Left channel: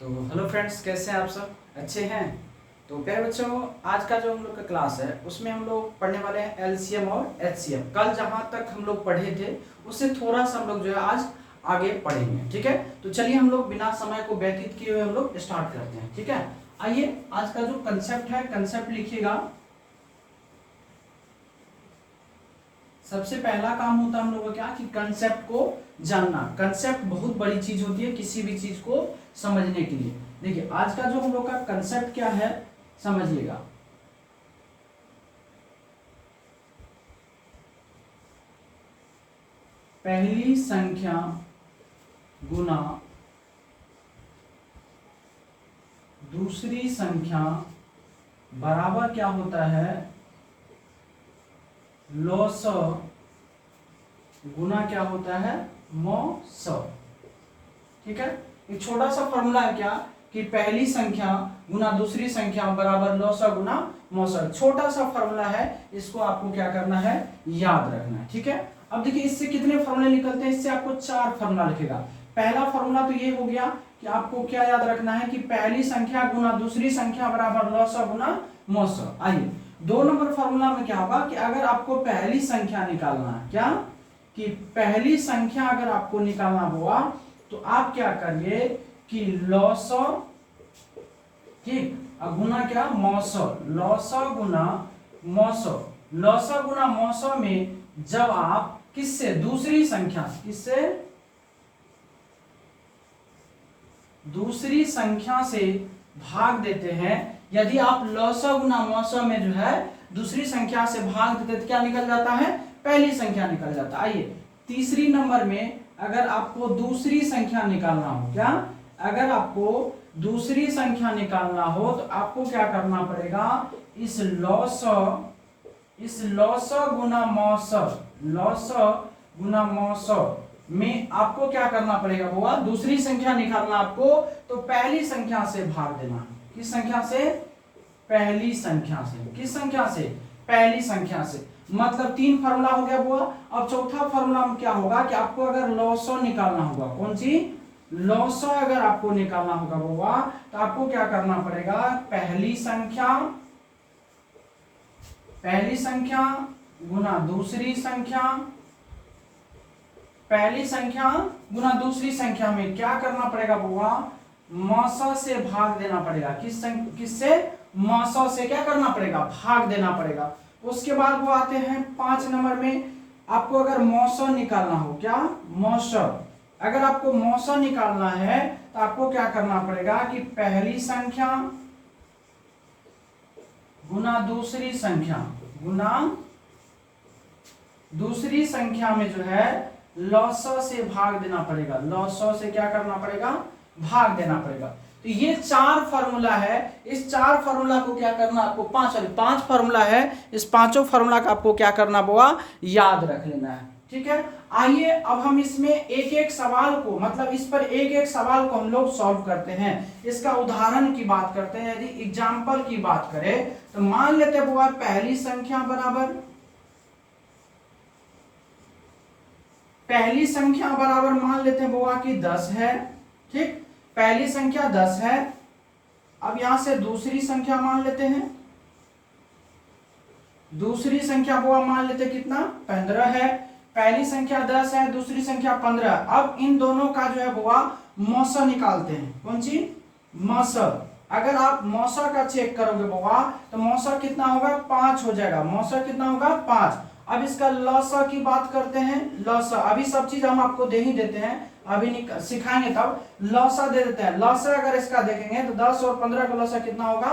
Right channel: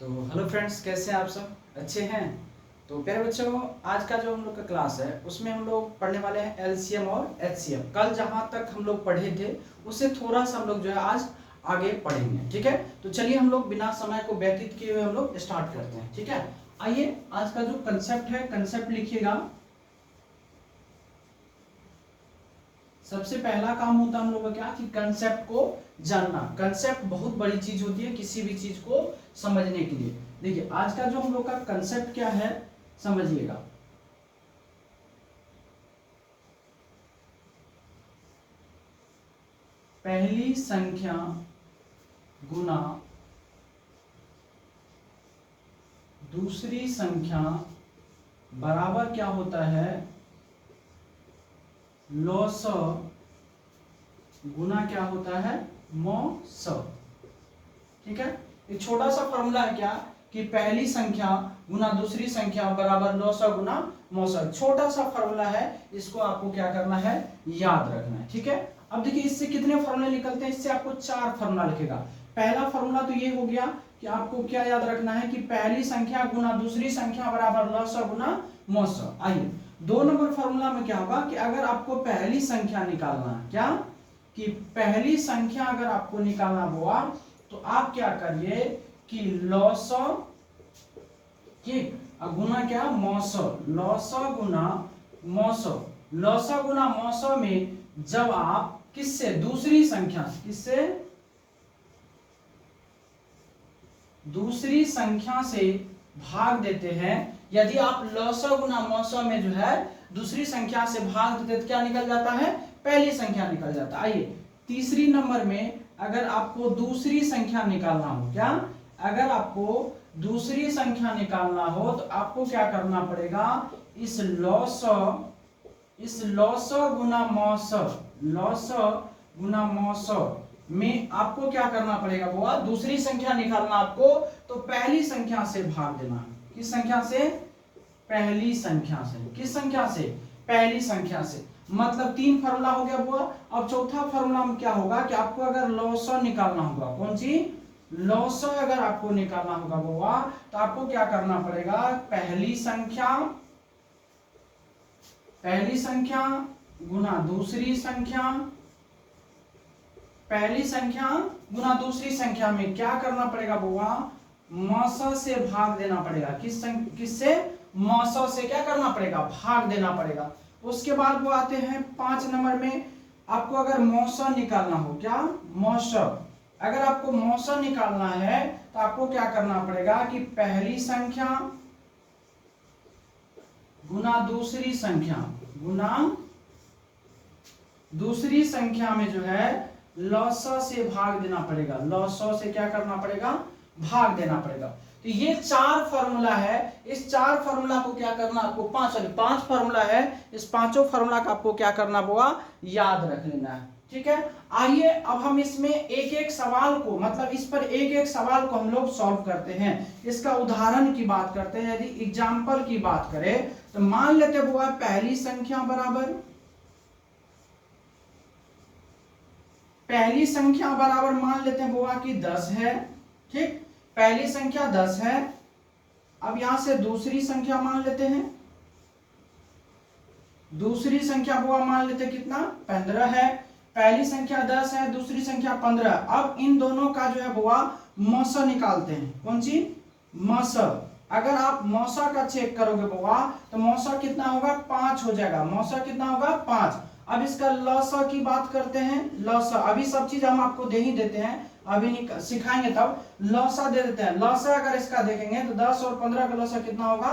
तो hello friends, कैसे हैं आप सब? अच्छे हैं? तो प्यारे बच्चों, आज का जो हम लोग का क्लास है उसमें हम लोग पढ़ने वाले हैं एलसीएम और एचसीएम। कल जहाँ तक हम लोग पढ़े थे उससे थोड़ा सा हम लोग जो है आज आगे पढ़ेंगे। ठीक है, तो चलिए हम लोग बिना समय को व्यतीत किए हुए हम लोग स्टार्ट करते हैं। ठीक है, आइए आज का जो कंसेप्ट है, कंसेप्ट लिखिएगा। सबसे पहला काम होता है हम लोग का क्या कि कंसेप्ट को जानना। कंसेप्ट बहुत बड़ी चीज होती है किसी भी चीज को समझने के लिए। देखिए आज का जो हम लोग का कंसेप्ट क्या है समझिएगा। पहली संख्या गुना दूसरी संख्या बराबर क्या होता है, लॉस गुना क्या होता है, मॉस। ठीक है, एक छोटा सा फॉर्मूला है क्या कि पहली संख्या गुना दूसरी संख्या बराबर लॉस गुना मॉस। छोटा सा फॉर्मूला है, इसको आपको क्या करना है, याद रखना है। ठीक है, अब देखिए इससे कितने फॉर्मूले निकलते हैं। इससे आपको 4 फॉर्मूला लिखेगा। पहला फॉर्मूला तो ये हो गया कि आपको क्या याद रखना है कि पहली संख्या गुना दूसरी संख्या बराबर लॉस गुना मॉस। आइए 2 नंबर फॉर्मूला में क्या होगा कि अगर आपको पहली संख्या निकालना है, क्या कि पहली संख्या अगर आपको निकालना हुआ तो आप क्या करिए कि लॉस, ठीक, गुना क्या, मॉस। लॉस गुना मॉस। लॉस गुना मॉस में जब आप किससे, दूसरी संख्या, किससे, दूसरी संख्या से भाग देते हैं। यदि आप लॉस गुना मॉस में जो है दूसरी संख्या से भाग देते तो क्या निकल जाता है, पहली संख्या निकल जाता है। आइए तीसरी नंबर में अगर आपको दूसरी संख्या निकालना हो, क्या, अगर आपको दूसरी संख्या निकालना हो तो आपको क्या करना पड़ेगा, इस लॉस गुना मॉस, लॉस गुना मॉस में आपको क्या करना पड़ेगा, वो दूसरी संख्या निकालना आपको तो पहली संख्या से भाग देना। किस संख्या से, पहली संख्या से। किस संख्या से, पहली संख्या से। मतलब 3 फॉर्मूला हो गया बुआ। अब चौथा फॉर्मूला में क्या होगा कि आपको अगर लॉस निकालना होगा, कौन सी, लॉस अगर आपको निकालना होगा बुआ तो आपको क्या करना पड़ेगा, पहली संख्या गुना दूसरी संख्या, पहली संख्या गुना दूसरी संख्या में क्या करना पड़ेगा बुआ, मॉस से भाग देना पड़ेगा। किससे, मॉस से क्या करना पड़ेगा, भाग देना पड़ेगा। उसके बाद वो आते हैं 5 नंबर में, आपको अगर मॉस निकालना हो, क्या, मॉस, अगर आपको मॉस निकालना है तो आपको क्या करना पड़ेगा कि पहली संख्या गुना दूसरी संख्या, गुना दूसरी संख्या में जो है लॉस से भाग देना पड़ेगा। लॉस से क्या करना पड़ेगा, भाग देना पड़ेगा। तो ये 4 फॉर्मूला है। इस 4 फॉर्मूला को क्या करना आपको, 5 फॉर्मूला है, इस पांचों फॉर्मूला का आपको क्या करना होगा, याद रख लेना है। ठीक है, आइए अब हम इसमें एक एक सवाल को, मतलब इस पर एक एक सवाल को हम लोग सॉल्व करते हैं। इसका उदाहरण की बात करते हैं। यदि एग्जाम्पल की बात करें तो मान लेते हैं पहली संख्या बराबर, पहली संख्या बराबर मान लेते हैं बुआ कि 10 है। ठीक, पहली संख्या 10 है। अब यहां से दूसरी संख्या मान लेते हैं, दूसरी संख्या बुआ मान लेते हैं कितना, 15 है। पहली संख्या 10 है, दूसरी संख्या 15। अब इन दोनों का जो है बुआ मॉस निकालते हैं। कौन सी, मॉस। अगर आप मौसा का चेक करोगे बुआ तो मौसा कितना होगा, 5 हो जाएगा। मौसा कितना होगा, 5। अब इसका लॉसा की बात करते हैं। लॉसा अभी सब चीज हम आपको दे ही देते हैं, अभी नहीं सिखाएंगे तब। लॉसा दे देते हैं। लॉसा अगर इसका देखेंगे तो 10 और 15 का लॉसा कितना होगा,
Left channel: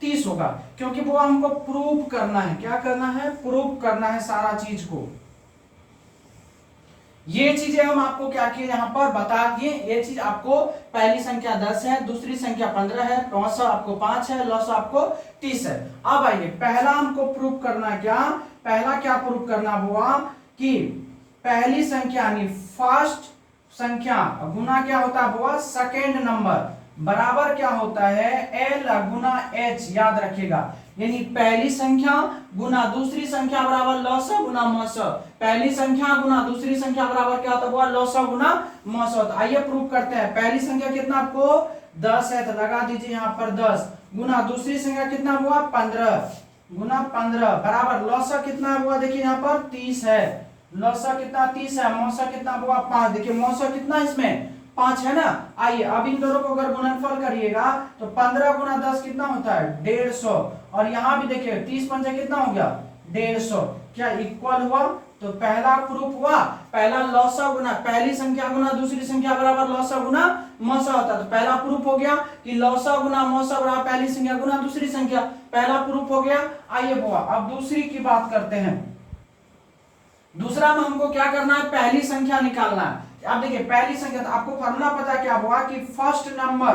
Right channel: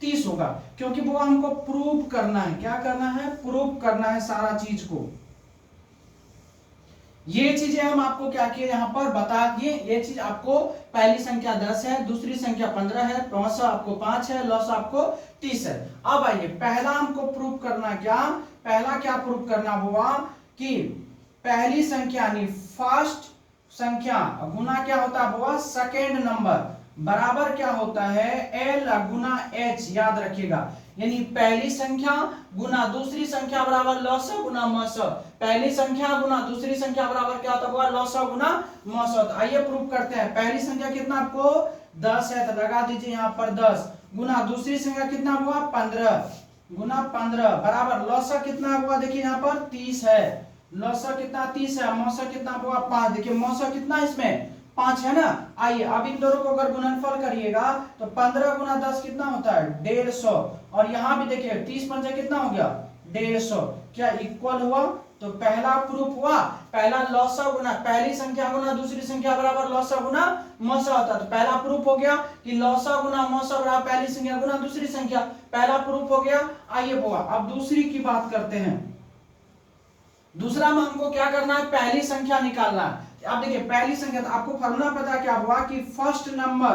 30 होगा। क्योंकि वो हमको प्रूव करना है, क्या करना है, प्रूव करना है सारा चीज को। ये चीजें हम आपको क्या किए यहाँ पर बता दिए। ये चीज आपको, पहली संख्या 10 है, दूसरी संख्या 15 है, लॉसा आपको 5 है, लॉसा आपको 30 है। अब आइए पहला हमको प्रूव करना, क्या, पहला क्या प्रूव करना हुआ कि पहली संख्या यानी फर्स्ट संख्या गुना क्या होता है बुआ, सेकेंड नंबर। बराबर क्या होता है, एल गुना एच, याद रखिएगा। यानी पहली संख्या गुना दूसरी संख्या बराबर लॉसा गुना मस। पहली संख्या गुना दूसरी संख्या बराबर क्या होता है, लॉसा गुना मस। तो आइए प्रूव करते हैं। पहली संख्या कितना आपको 10 है, तो लगा दीजिए यहाँ पर 10 गुना दूसरी संख्या कितना हुआ 15 गुना 15 बराबर लॉसा कितना हुआ, देखिए यहाँ पर 30 है। लॉसा कितना 30 है, मौसा कितना हुआ 5। देखिए मौसा कितना इसमें 5 है ना। आइए अब इन दोनों को अगर गुणनफल करिएगा तो 15 गुना 10 कितना होता है 150। और यहाँ भी देखिए 30 पंजे कितना हो गया 150, क्या इक्वल हुआ। तो पहला प्रूफ हुआ, पहला लॉसा गुना पहली संख्या गुना दूसरी संख्या बराबर लॉसा गुना मौसा होता है। तो पहला प्रूफ हो गया कि लॉसा गुना मौसा बराबर पहली संख्या गुना दूसरी संख्या, पहला प्रूफ हो गया। आइए बुआ अब दूसरी की बात करते हैं। दूसरा में हमको क्या करना है, पहली संख्या निकालना है। अब देखिए पहली संख्या, तो आपको फॉर्मूला पता क्या हुआ कि फर्स्ट नंबर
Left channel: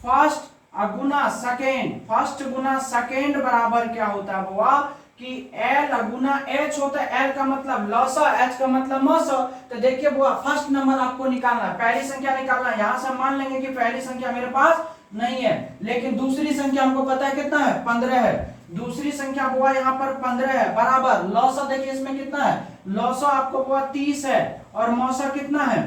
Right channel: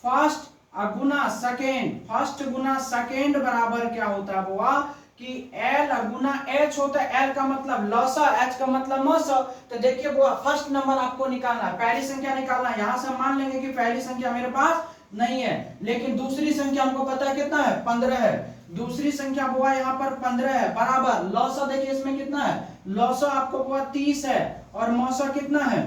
फर्स्ट गुना सेकेंड, फर्स्ट गुना सेकेंड बराबर क्या होता है बुआ कि एल गुना एच होता है। एल का मतलब लॉसा, एच का मतलब मौसा। तो देखिए बुआ फर्स्ट नंबर आपको निकालना है, पहली संख्या निकालना है। यहां से मान लेंगे कि पहली संख्या मेरे पास नहीं है, लेकिन दूसरी संख्या हमको पता है कितना है 15 है। दूसरी संख्या बुआ यहाँ पर 15 है बराबर लॉसा, देखिए इसमें कितना है लॉसा आपको बुआ 30 है और मौसा कितना है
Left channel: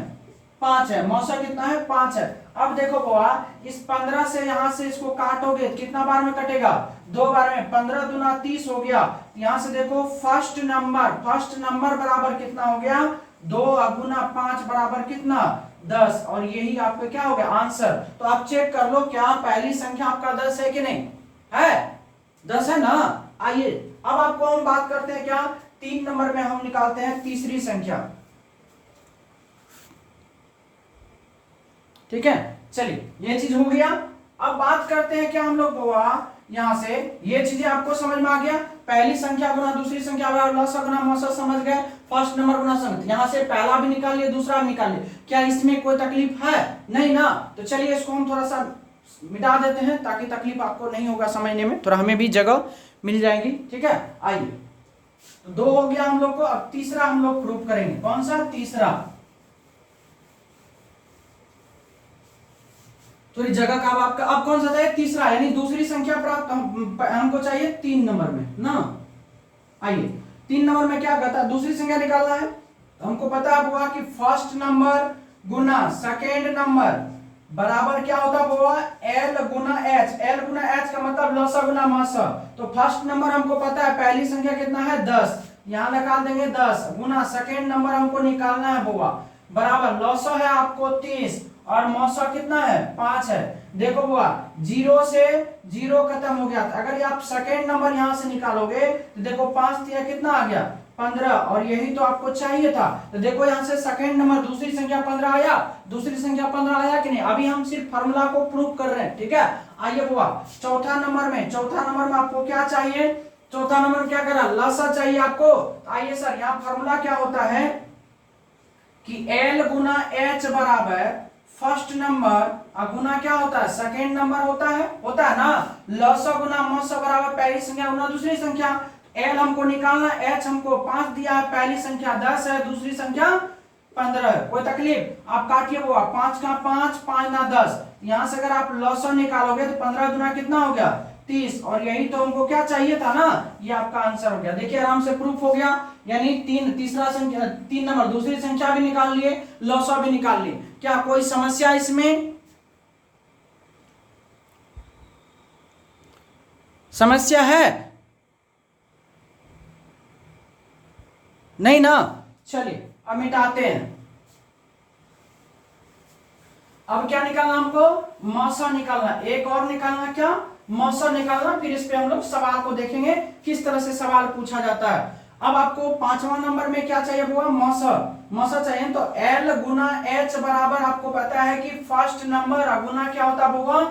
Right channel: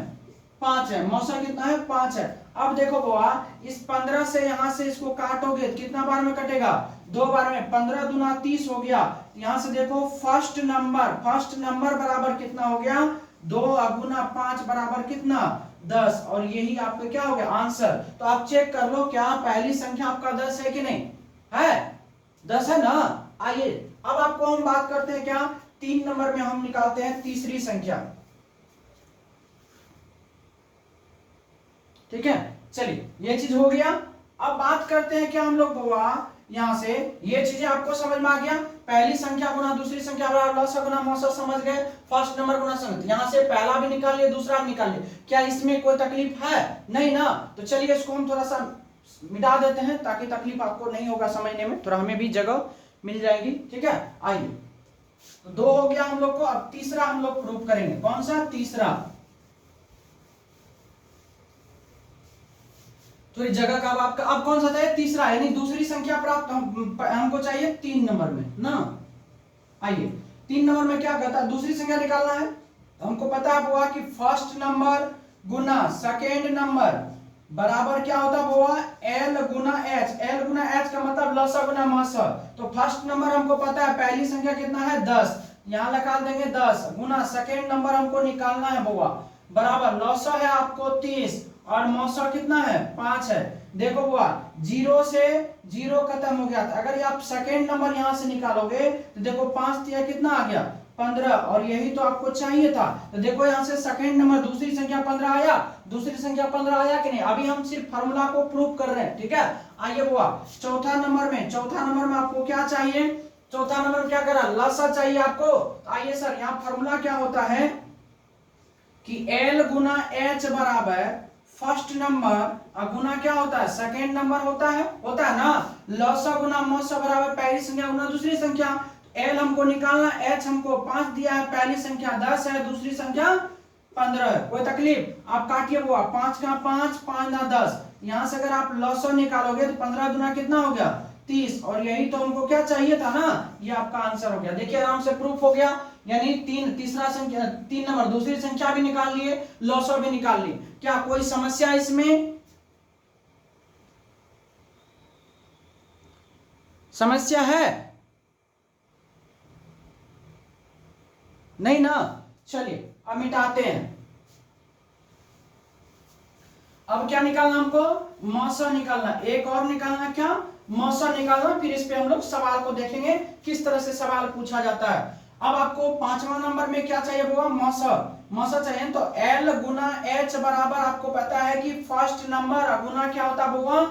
5 है। मौसा कितना है 5 है। अब देखो बुआ इस 15 से यहां से इसको काटोगे कितना बार में कटेगा 2 बार में, 15 दूना 30 हो गया। यहां से देखो फर्स्ट नंबर बराबर कितना हो गया 2 गुना 5 बराबर कितना 10। और यही आपका क्या हो गया आंसर। तो आप चेक कर लो क्या पहली संख्या आपका 10 है कि नहीं है, 10 है ना। आइए अब आपको हम बात करते हैं क्या 3 नंबर में हम निकालते हैं तीसरी संख्या। ठीक है चलिए ये चीज हो गया। अब बात करते हैं क्या हम लोग बुआ, यहां से ये चीजें आपको समझ में आ गया। पहली संख्या गुना दूसरी संख्या बराबर लॉसा गुना मौसा समझ गए, फर्स्ट नंबर गुना संख्या, यहां से पहला भी निकाल लिया दूसरा भी निकाल लिया। क्या इसमें कोई तकलीफ है नहीं ना। तो चलिए इसको हम थोड़ा सा मिटा देते हैं ताकि तकलीफ आपको नहीं होगा समझने में, थोड़ा हमें भी जगह मिल जाएगी। ठीक है आइए तो 2 हो गया हम लोग को। अब तीसरा हम लोग प्रूफ करेंगे, कौन सा तीसरा, थोड़ी जगह का आपका अब कौन सा था तीसरा, यानी दूसरी संख्या प्राप्त हमको चाहिए 3 नंबर में ना। आइए 3 नंबर में क्या कहता है दूसरी संख्या निकालना है। हमको पता हुआ कि फर्स्ट नंबर गुना सेकेंड नंबर बराबर क्या होता है एल गुना एच। एल गुना एच का मतलब लॉसा गुना मौसा। तो फर्स्ट नंबर हमको पता है पहली संख्या कितना है 10, यहां लगा देंगे 10 गुना सेकेंड नंबर हमको निकालना है बुआ बराबर लॉसा है आपको 30 और मौसा कितना है 5 है। देखो बुआ 0 से 0 खत्म हो गया था, अगर आप सेकेंड नंबर यहां से निकालोगे तो देखो 5 दिया कितना आ गया 15 और यही तो आपको चाहिए था। तो देखो यहां से सेकेंड नंबर दूसरी संख्या 15 आया, दूसरी संख्या 15 आया कि नहीं। अभी हम सिर्फ फार्मूला को प्रूव कर रहे हैं। ठीक है आइए बुआ चौथा नंबर में आपको क्या चाहिए, चौथा नंबर में क्या करा लॉसा चाहिए आपको। आइए सर यहाँ फार्मूला क्या होता है कि एल गुना एच बराबर फर्स्ट नंबर गुना क्या होता है सेकेंड नंबर होता है ना। लॉसा गुना मौसा बराबर पहली संख्या गुना दूसरी संख्या। एल हमको निकालना, एच हमको 5 दिया है, पहली संख्या 10 है, दूसरी संख्या 15 है। कोई तकलीफ आप काटिए बुआ 5 का 5 5 ना 10। यहां से अगर आप लॉसा निकालोगे तो 15 गुना कितना हो गया 30 और यही तो हमको क्या चाहिए था ना, ये आपका आंसर हो गया। देखिए आराम से प्रूफ हो गया, यानी 3 नंबर दूसरी संख्या भी निकाल लिए, लॉसा भी निकाल लिए। क्या कोई समस्या इसमें, समस्या है नहीं ना। चलिए अब मिटाते हैं। अब क्या निकालना हमको मौसा निकालना, एक और निकालना क्या मौसा निकालना। फिर इस पे हम लोग सवाल को देखेंगे किस तरह से सवाल पूछा जाता है। अब आपको 5वां नंबर में क्या चाहिए बुआ मौसा चाहिए। तो एल गुना एच बराबर आपको पता है कि फर्स्ट नंबर गुना क्या होता है बुआ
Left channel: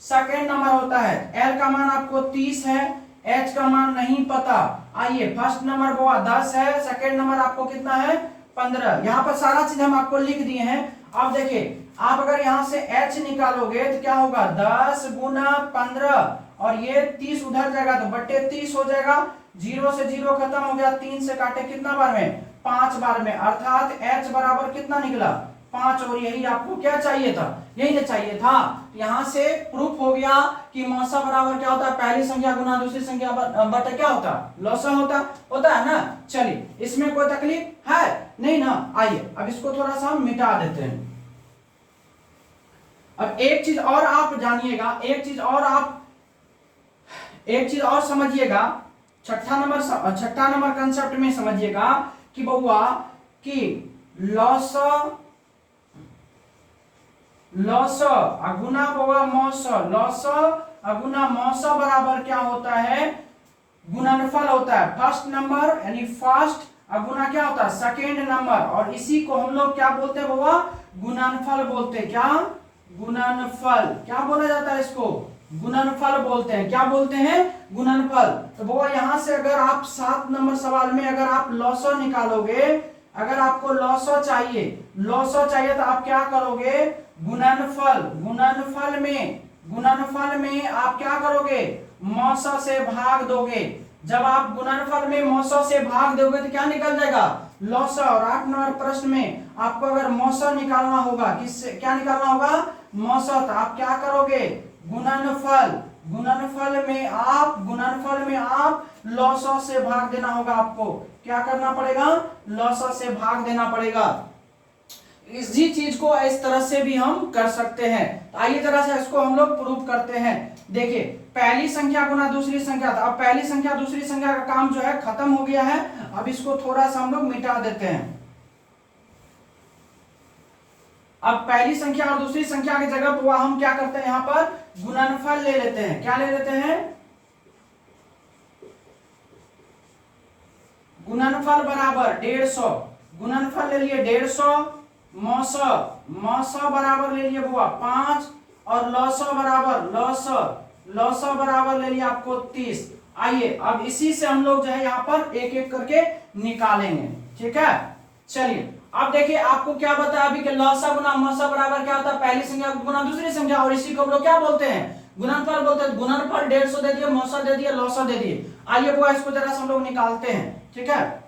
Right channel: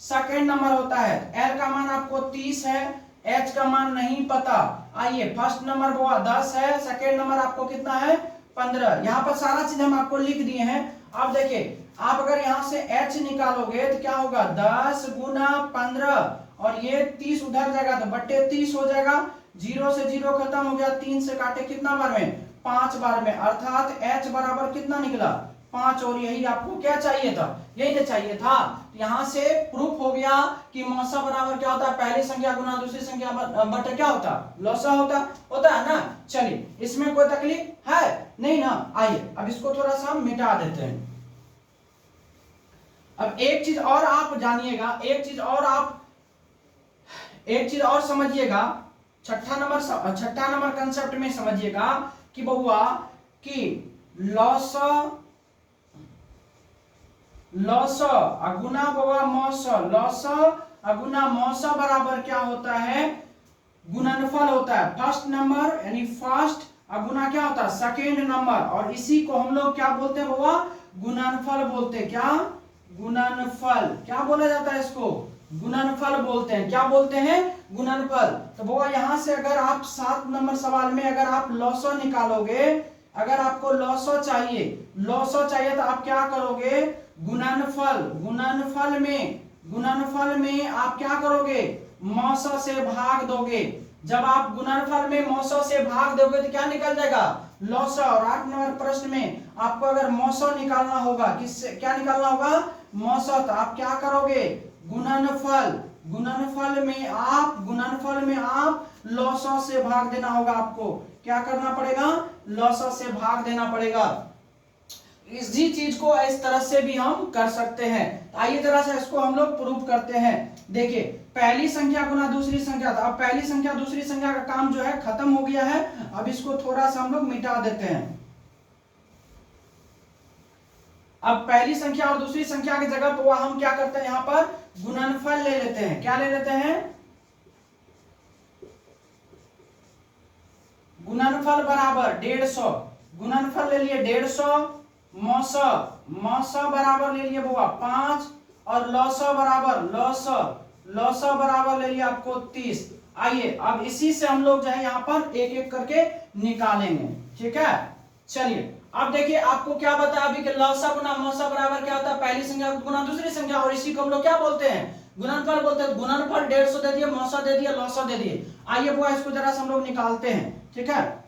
सेकेंड नंबर होता है। एल का मान आपको 30 है, एच का मान नहीं पता। आइए फर्स्ट नंबर बुआ 10 है, सेकेंड नंबर आपको कितना है 15। यहाँ पर सारा चीज हम आपको लिख दिए हैं। अब देखिए आप अगर यहां से h निकालोगे तो क्या होगा 10 गुना 15 और ये 30 उधर जाएगा तो बट्टे 30 हो जाएगा। 0 से 0 खत्म हो गया, 3 से काटे कितना बार में 5 बार में, अर्थात h बराबर कितना निकला 5 और यही आपको क्या चाहिए था, यही ना चाहिए था। यहां से प्रूफ हो गया कि मौसा बराबर क्या होता है, पहली संख्या गुना दूसरी संख्या बटे क्या होता है, लौसा होता है ना। चलिए इसमें कोई तकलीफ है नहीं ना। आइए अब इसको थोड़ा सा हम मिटा देते हैं। अब एक चीज और आप जानिएगा, एक चीज और समझिएगा, छठा नंबर कंसेप्ट में समझिएगा कि बउआ कि लॉस अगुना बउआ मौस, लॉस अगुना मौस बराबर क्या होता है, गुणनफल होता है। फर्स्ट नंबर यानी फर्स्ट अगुना क्या होता है, सेकेंड नंबर, और इसी को हम लोग क्या बोलते हैं बउआ, गुणनफल बोलते हैं। क्या गुणनफल, क्या बोला जाता है इसको, गुणनफल बोलते हैं। क्या बोलते हैं, गुणनफल। तो बउआ यहां से अगर आप 7 नंबर सवाल में अगर आप लॉसो निकालोगे, अगर आपको लॉसो चाहिए तो आप क्या करोगे, गुणनफल में आप क्या करोगे, मौसा से भाग दोगे। जब आप गुणनफल में मौसा से भाग दोगे तो क्या निकल जाएगा, लौसा। और 8 नंबर प्रश्न में आपको अगर मौसा निकालना होगा, किससे क्या निकालना होगा, मौसा, तो आप क्या करोगे, गुणनफल में आप लौसा से भाग देना होगा। आपको क्या करना पड़ेगा, लौसा से भाग देना पड़ेगा। इसी चीज को इस तरह से भी हम कर सकते हैं। तो आइए जरा से इसको हम लोग प्रूव करते हैं। देखिए पहली संख्या गुना दूसरी संख्या, अब पहली संख्या दूसरी संख्या का काम जो है खत्म हो गया है। अब इसको थोड़ा सा हम लोग मिटा देते हैं। अब पहली संख्या और दूसरी संख्या की जगह पर हम क्या करते हैं, यहां पर गुणनफल ले लेते हैं। क्या ले लेते हैं, गुणनफल बराबर 150, गुणनफल ले लिए 150, मौसा बराबर ले लिए बुआ 5, और लौसा बराबर ले लिया आपको 30। आइए अब इसी से हम लोग जो है यहाँ पर एक एक करके निकालेंगे, ठीक है। चलिए अब देखिए आपको क्या बताया अभी कि लौसा गुना मौसा बराबर क्या होता है, पहली संख्या गुना दूसरी संख्या, और इसी को हम लोग क्या बोलते हैं, गुणनफल बोलते हैं। गुणनफल 150 दे दिए, मौसा दे दिया, लौसा दे दिए। आइए बुआ इसको जरा सा हम लोग निकालते हैं, ठीक है।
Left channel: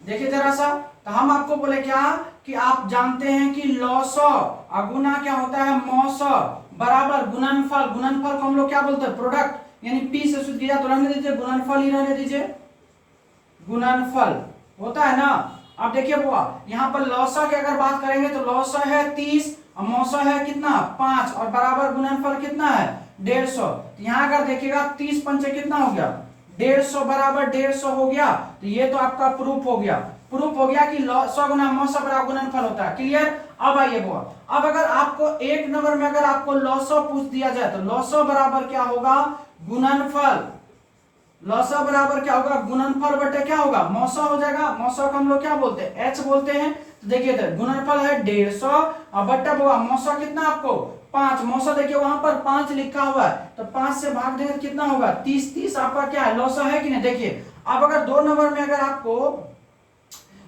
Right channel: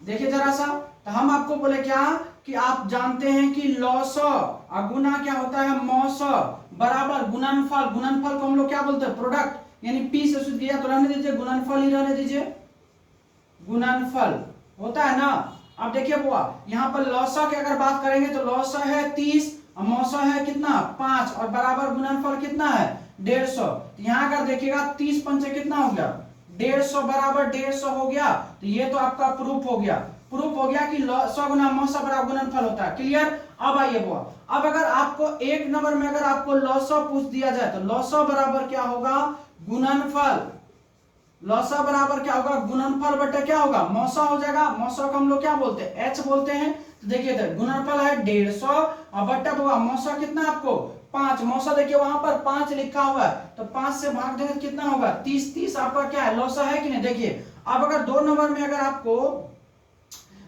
देखिए जरा सा, तो हम आपको बोले क्या कि आप जानते हैं कि लौसा अगुना क्या होता है, मौसा बराबर गुणनफल को हम लोग क्या बोलते हैं, प्रोडक्ट, यानी पी से सूत्र किया तो रहने दीजिए, गुणनफल ही रहने दीजिए, गुणनफल होता है ना। अब देखिए बुआ यहाँ पर लौसा की अगर बात करेंगे तो लौसा है 30 और मौसा है कितना 5, और बराबर गुणनफल कितना है 150। यहाँ अगर देखिएगा 30 पंचे कितना हो गया 150 बराबर 150 हो गया। तो ये तो आपका प्रूफ हो गया कि लौसा गुना मौसा बराबर गुणनफल होता है। क्लियर। अब आइए बुआ, अब अगर आपको एक नंबर में अगर आपको लौसा पूछ दिया जाए तो लौसा बराबर क्या होगा, गुणनफल, लौसा बराबर क्या होगा, गुणनफल बटे क्या होगा, मौसा हो जाएगा। मौसा को हम लोग क्या बोलते हैं, एच बोलते हैं। तो देखिए इधर गुणनफल है 150 और बट्टा होगा मौसा कितना आपको 5। मौसा देखिए वहां पर 5 लिखा हुआ है, तो 5 से भाग देंगे तो कितना होगा 30। 30 आपका क्या है, लौसा है कि नहीं। देखिए अब अगर 2 नंबर में अगर आपको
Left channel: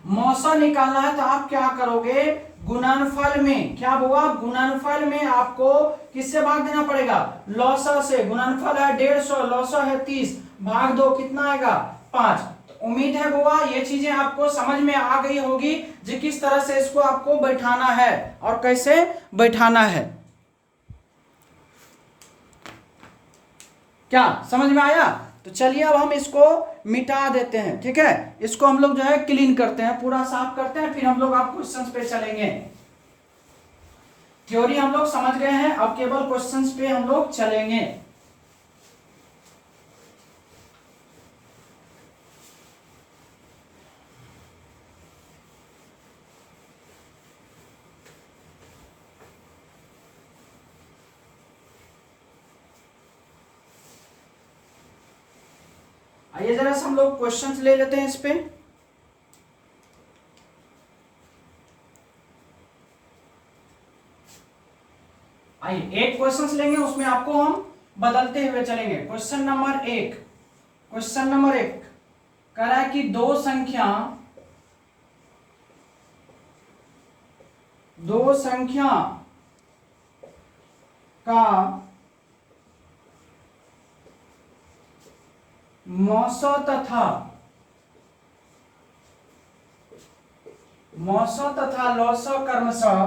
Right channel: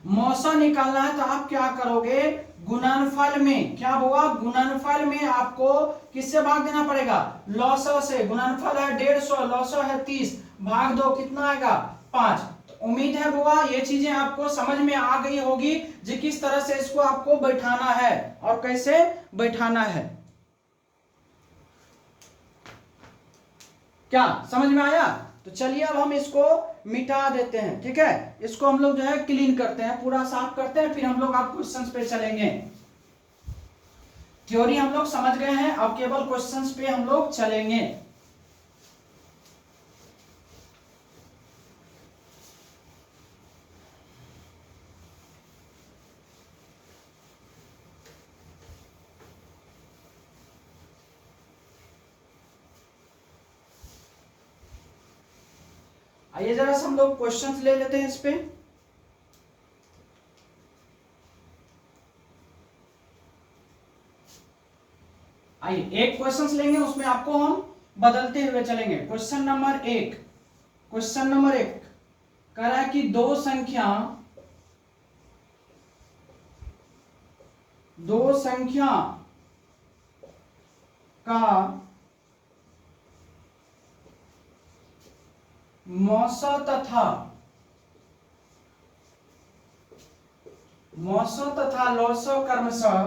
मौसा निकालना है तो आप क्या करोगे, गुणनफल में क्या होगा, गुणनफल में आपको किससे भाग देना पड़ेगा, लौसा से। गुणनफल है 150, लौसा है 30, भाग दो कितना आएगा 5। उम्मीद है बुआ ये चीजें आपको समझ में आ गई होगी, जो किस तरह से इसको आपको बैठाना है और कैसे बैठाना है। क्या समझ में आया। तो चलिए अब हम इसको मिटा देते हैं, ठीक है। इसको हम लोग जो है क्लीन करते हैं, पूरा साफ करते हैं, फिर हम लोग आप क्वेश्चंस पे चलेंगे। थ्योरी हम लोग समझ गए हैं, अब केवल क्वेश्चंस पे हम लोग चलेंगे। आइए जरा से हम लोग क्वेश्चंस ले लेते हैं इस पे। आइए एक क्वेश्चंस लेंगे, उसमें आपको हम बदलते हुए चलेंगे। क्वेश्चन नंबर 1 कह रहा है कि दो संख्या का मौसा मौसो तथा लौसो कर्मशः,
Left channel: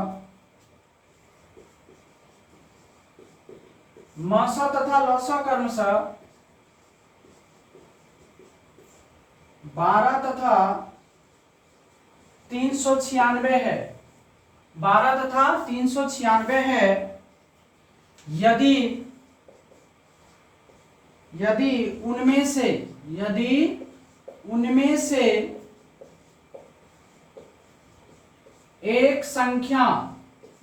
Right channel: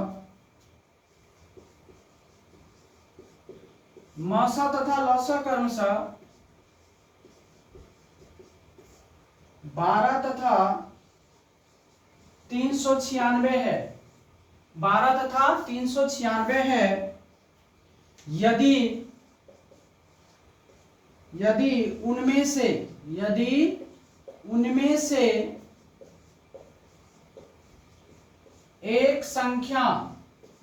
मौसो तथा लौसो कर्मशः 12 तथा 396 है, 12 तथा 396 है। यदि उनमें से एक संख्या,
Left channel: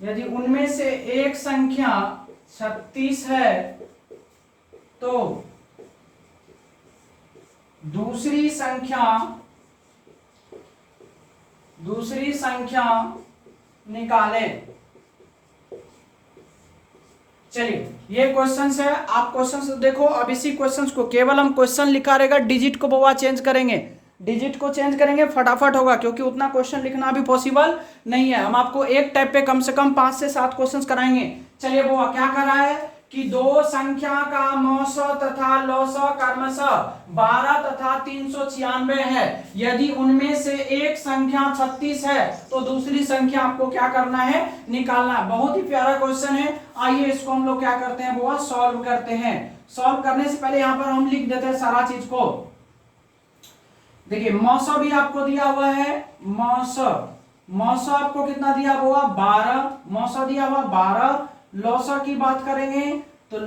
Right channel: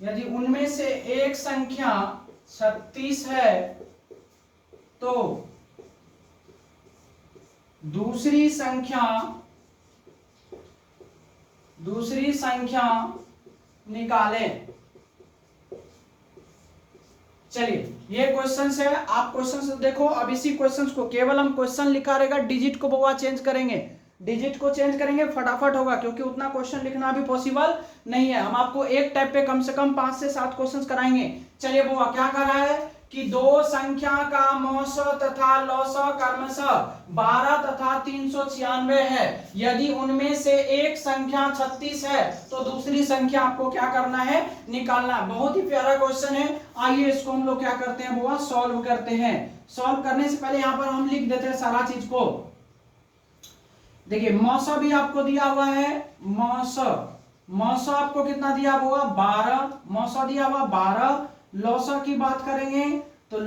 यदि उनमें से एक संख्या 36 है तो दूसरी संख्या निकालें। चलिए ये क्वेश्चन है, आप क्वेश्चन से देखो। अब इसी क्वेश्चन को केवल हम क्वेश्चन लिखा रहेगा, डिजिट को बोवा चेंज करेंगे, डिजिट को चेंज करेंगे, फटाफट होगा, क्योंकि उतना क्वेश्चन लिखना भी पॉसिबल नहीं है। हम आपको एक टाइप पे कम से कम 5 से 7 क्वेश्चन कराएंगे। चलिए बोवा क्या कर रहा है कि दो संख्या का मौसो तथा लौसो क्रमशः 12 तथा 396 है। यदि उनमें से एक संख्या 36 है तो दूसरी संख्या आपको क्या करना है, निकालना। बहुत ही प्यारा क्वेश्चन है। आइए इसको हम लोग क्या करते हैं वो सॉल्व करते हैं। सॉल्व करने से पहले यहाँ पर हम लिख देते हैं सारा चीज को। देखिए मौसो भी आपको दिया हुआ है, मौसो आपको कितना दिया हुआ 12, मौसो दिया हुआ 12। लौसो की बात करेंगे तो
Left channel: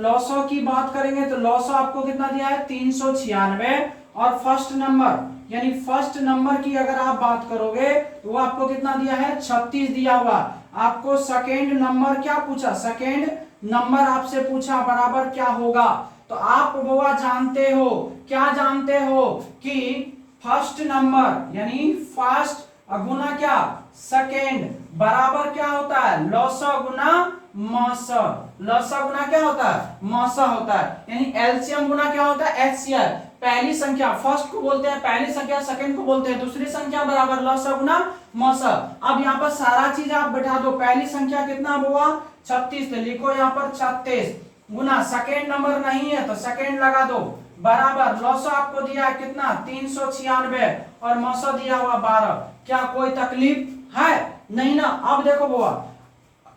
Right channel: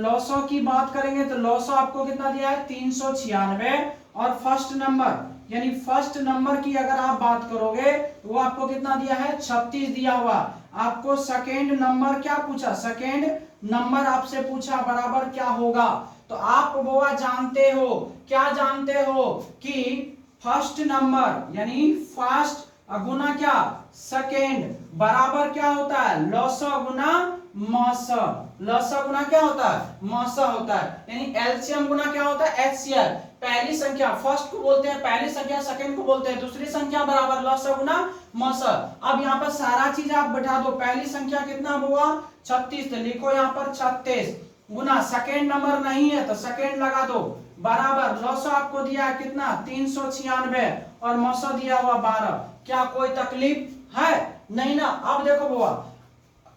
लौसो आपको कितना दिया है 396। और फर्स्ट नंबर यानी फर्स्ट नंबर की अगर आप बात करोगे तो वो आपको कितना दिया है 36 दिया हुआ। आपको सेकेंड नंबर क्या पूछा, सेकेंड नंबर आपसे पूछा बराबर क्या होगा। तो आप वो जानते हो, क्या जानते हो कि फर्स्ट नंबर यानी फर्स्ट गुना क्या सेकेंड बराबर क्या होता है लौसो गुना मौसो। लौसो गुना क्या होता है मौसो होता है। यानी एलसीएम गुना क्या होता है एचसीएफ। पहली संख्या फर्स्ट को बोलते हैं पहली संख्या, सेकंड को बोलते हैं दूसरी संख्या बराबर लौसो गुना मौसो। अब यहाँ पर सारा चीज आप बैठा दो। पहली संख्या कितना हुआ 36, तो लिखो यहाँ पर 36 गुना सेकेंड नंबर नहीं है तो सेकेंड लगा दो बराबर लौसो आपको दिया है कितना 396 और मौसो दिया हुआ 12। क्या कोई तकलीफ है नहीं ना। अब देखो बुआ,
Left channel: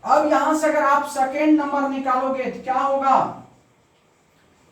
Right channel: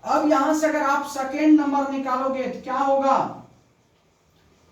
अब यहां से अगर आप सेकेंड नंबर निकालोगे तो क्या होगा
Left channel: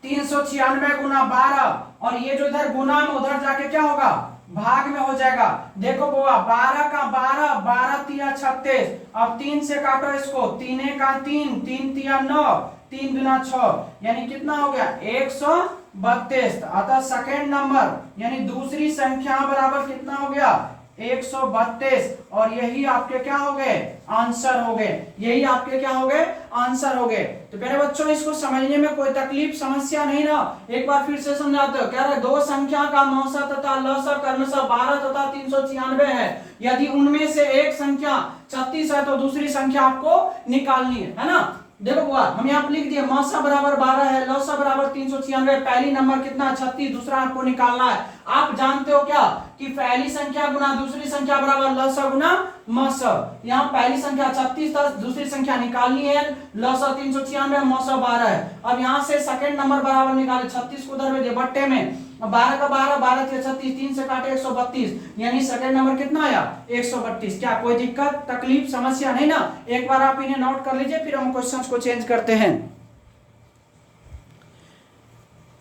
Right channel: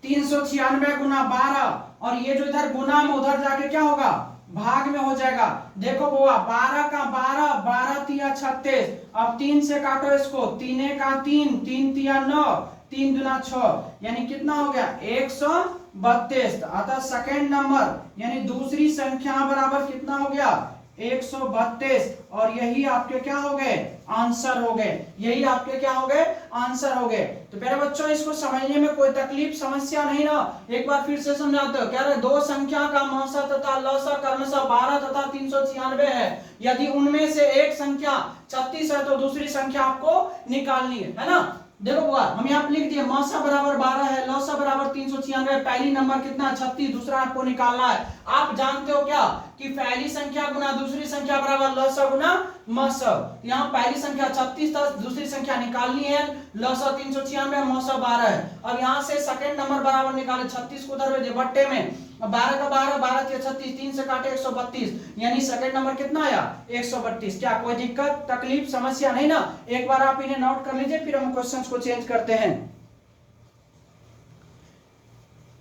396 गुना 12 और ये जो इधर गुना में उधर जाके क्या होगा भाग में हो जाएगा। देखो बुआ 12 का 12, 12 तिया 36। अब 3 से काटो इसको, 3 का 3, 3 तिया 9, 3 दुना 6, यानी कितना हो गया 132। अतः सेकेंड नंबर यानी दूसरी संख्या बराबर कितना हो गया 132। और यही आपके क्या हो गए आंसर हो गए, यही आपके क्या हो गए आंसर हो गए। तो प्यारे बच्चों इसको समझने में कोई तकलीफ समस्या नहीं ना। एक बार फिर से समझाते हो। कह रहे दो संख्या का मौसा तथा लौसा क्रमशः 12 तथा 396 है। यदि उनमें से एक संख्या 36 है तो दूसरी संख्या आपको निकालनी है ना। देखो बुआ हम यहाँ पे लिख दिए मौसा बराबर 12 है, लौसा बराबर 396। पहली नंबर कितना 36, दूसरा आपको निकालना है। आप जानते हो क्या कि पहली संख्या गुना दूसरी संख्या बराबर लौसा गुना मौसा। यहाँ पहली संख्या 36 था, दूसरी संख्या निकालनी है लौसा 396, मौसा 12 है। अब यहाँ से सेकंड नंबर बराबर निकाले 36 को उधर भेजे बट्टे में, 12 का 12, 12 के 36, 3 से काटे 132, यानी सेकंड नंबर कितना आया 132। क्या कोई दिक्कत तकलीफ समस्या नहीं ना। एक बार आप इन्हें नोट कर लीजिए फिर हम क्वेश्चंस को चेंज करते हैं।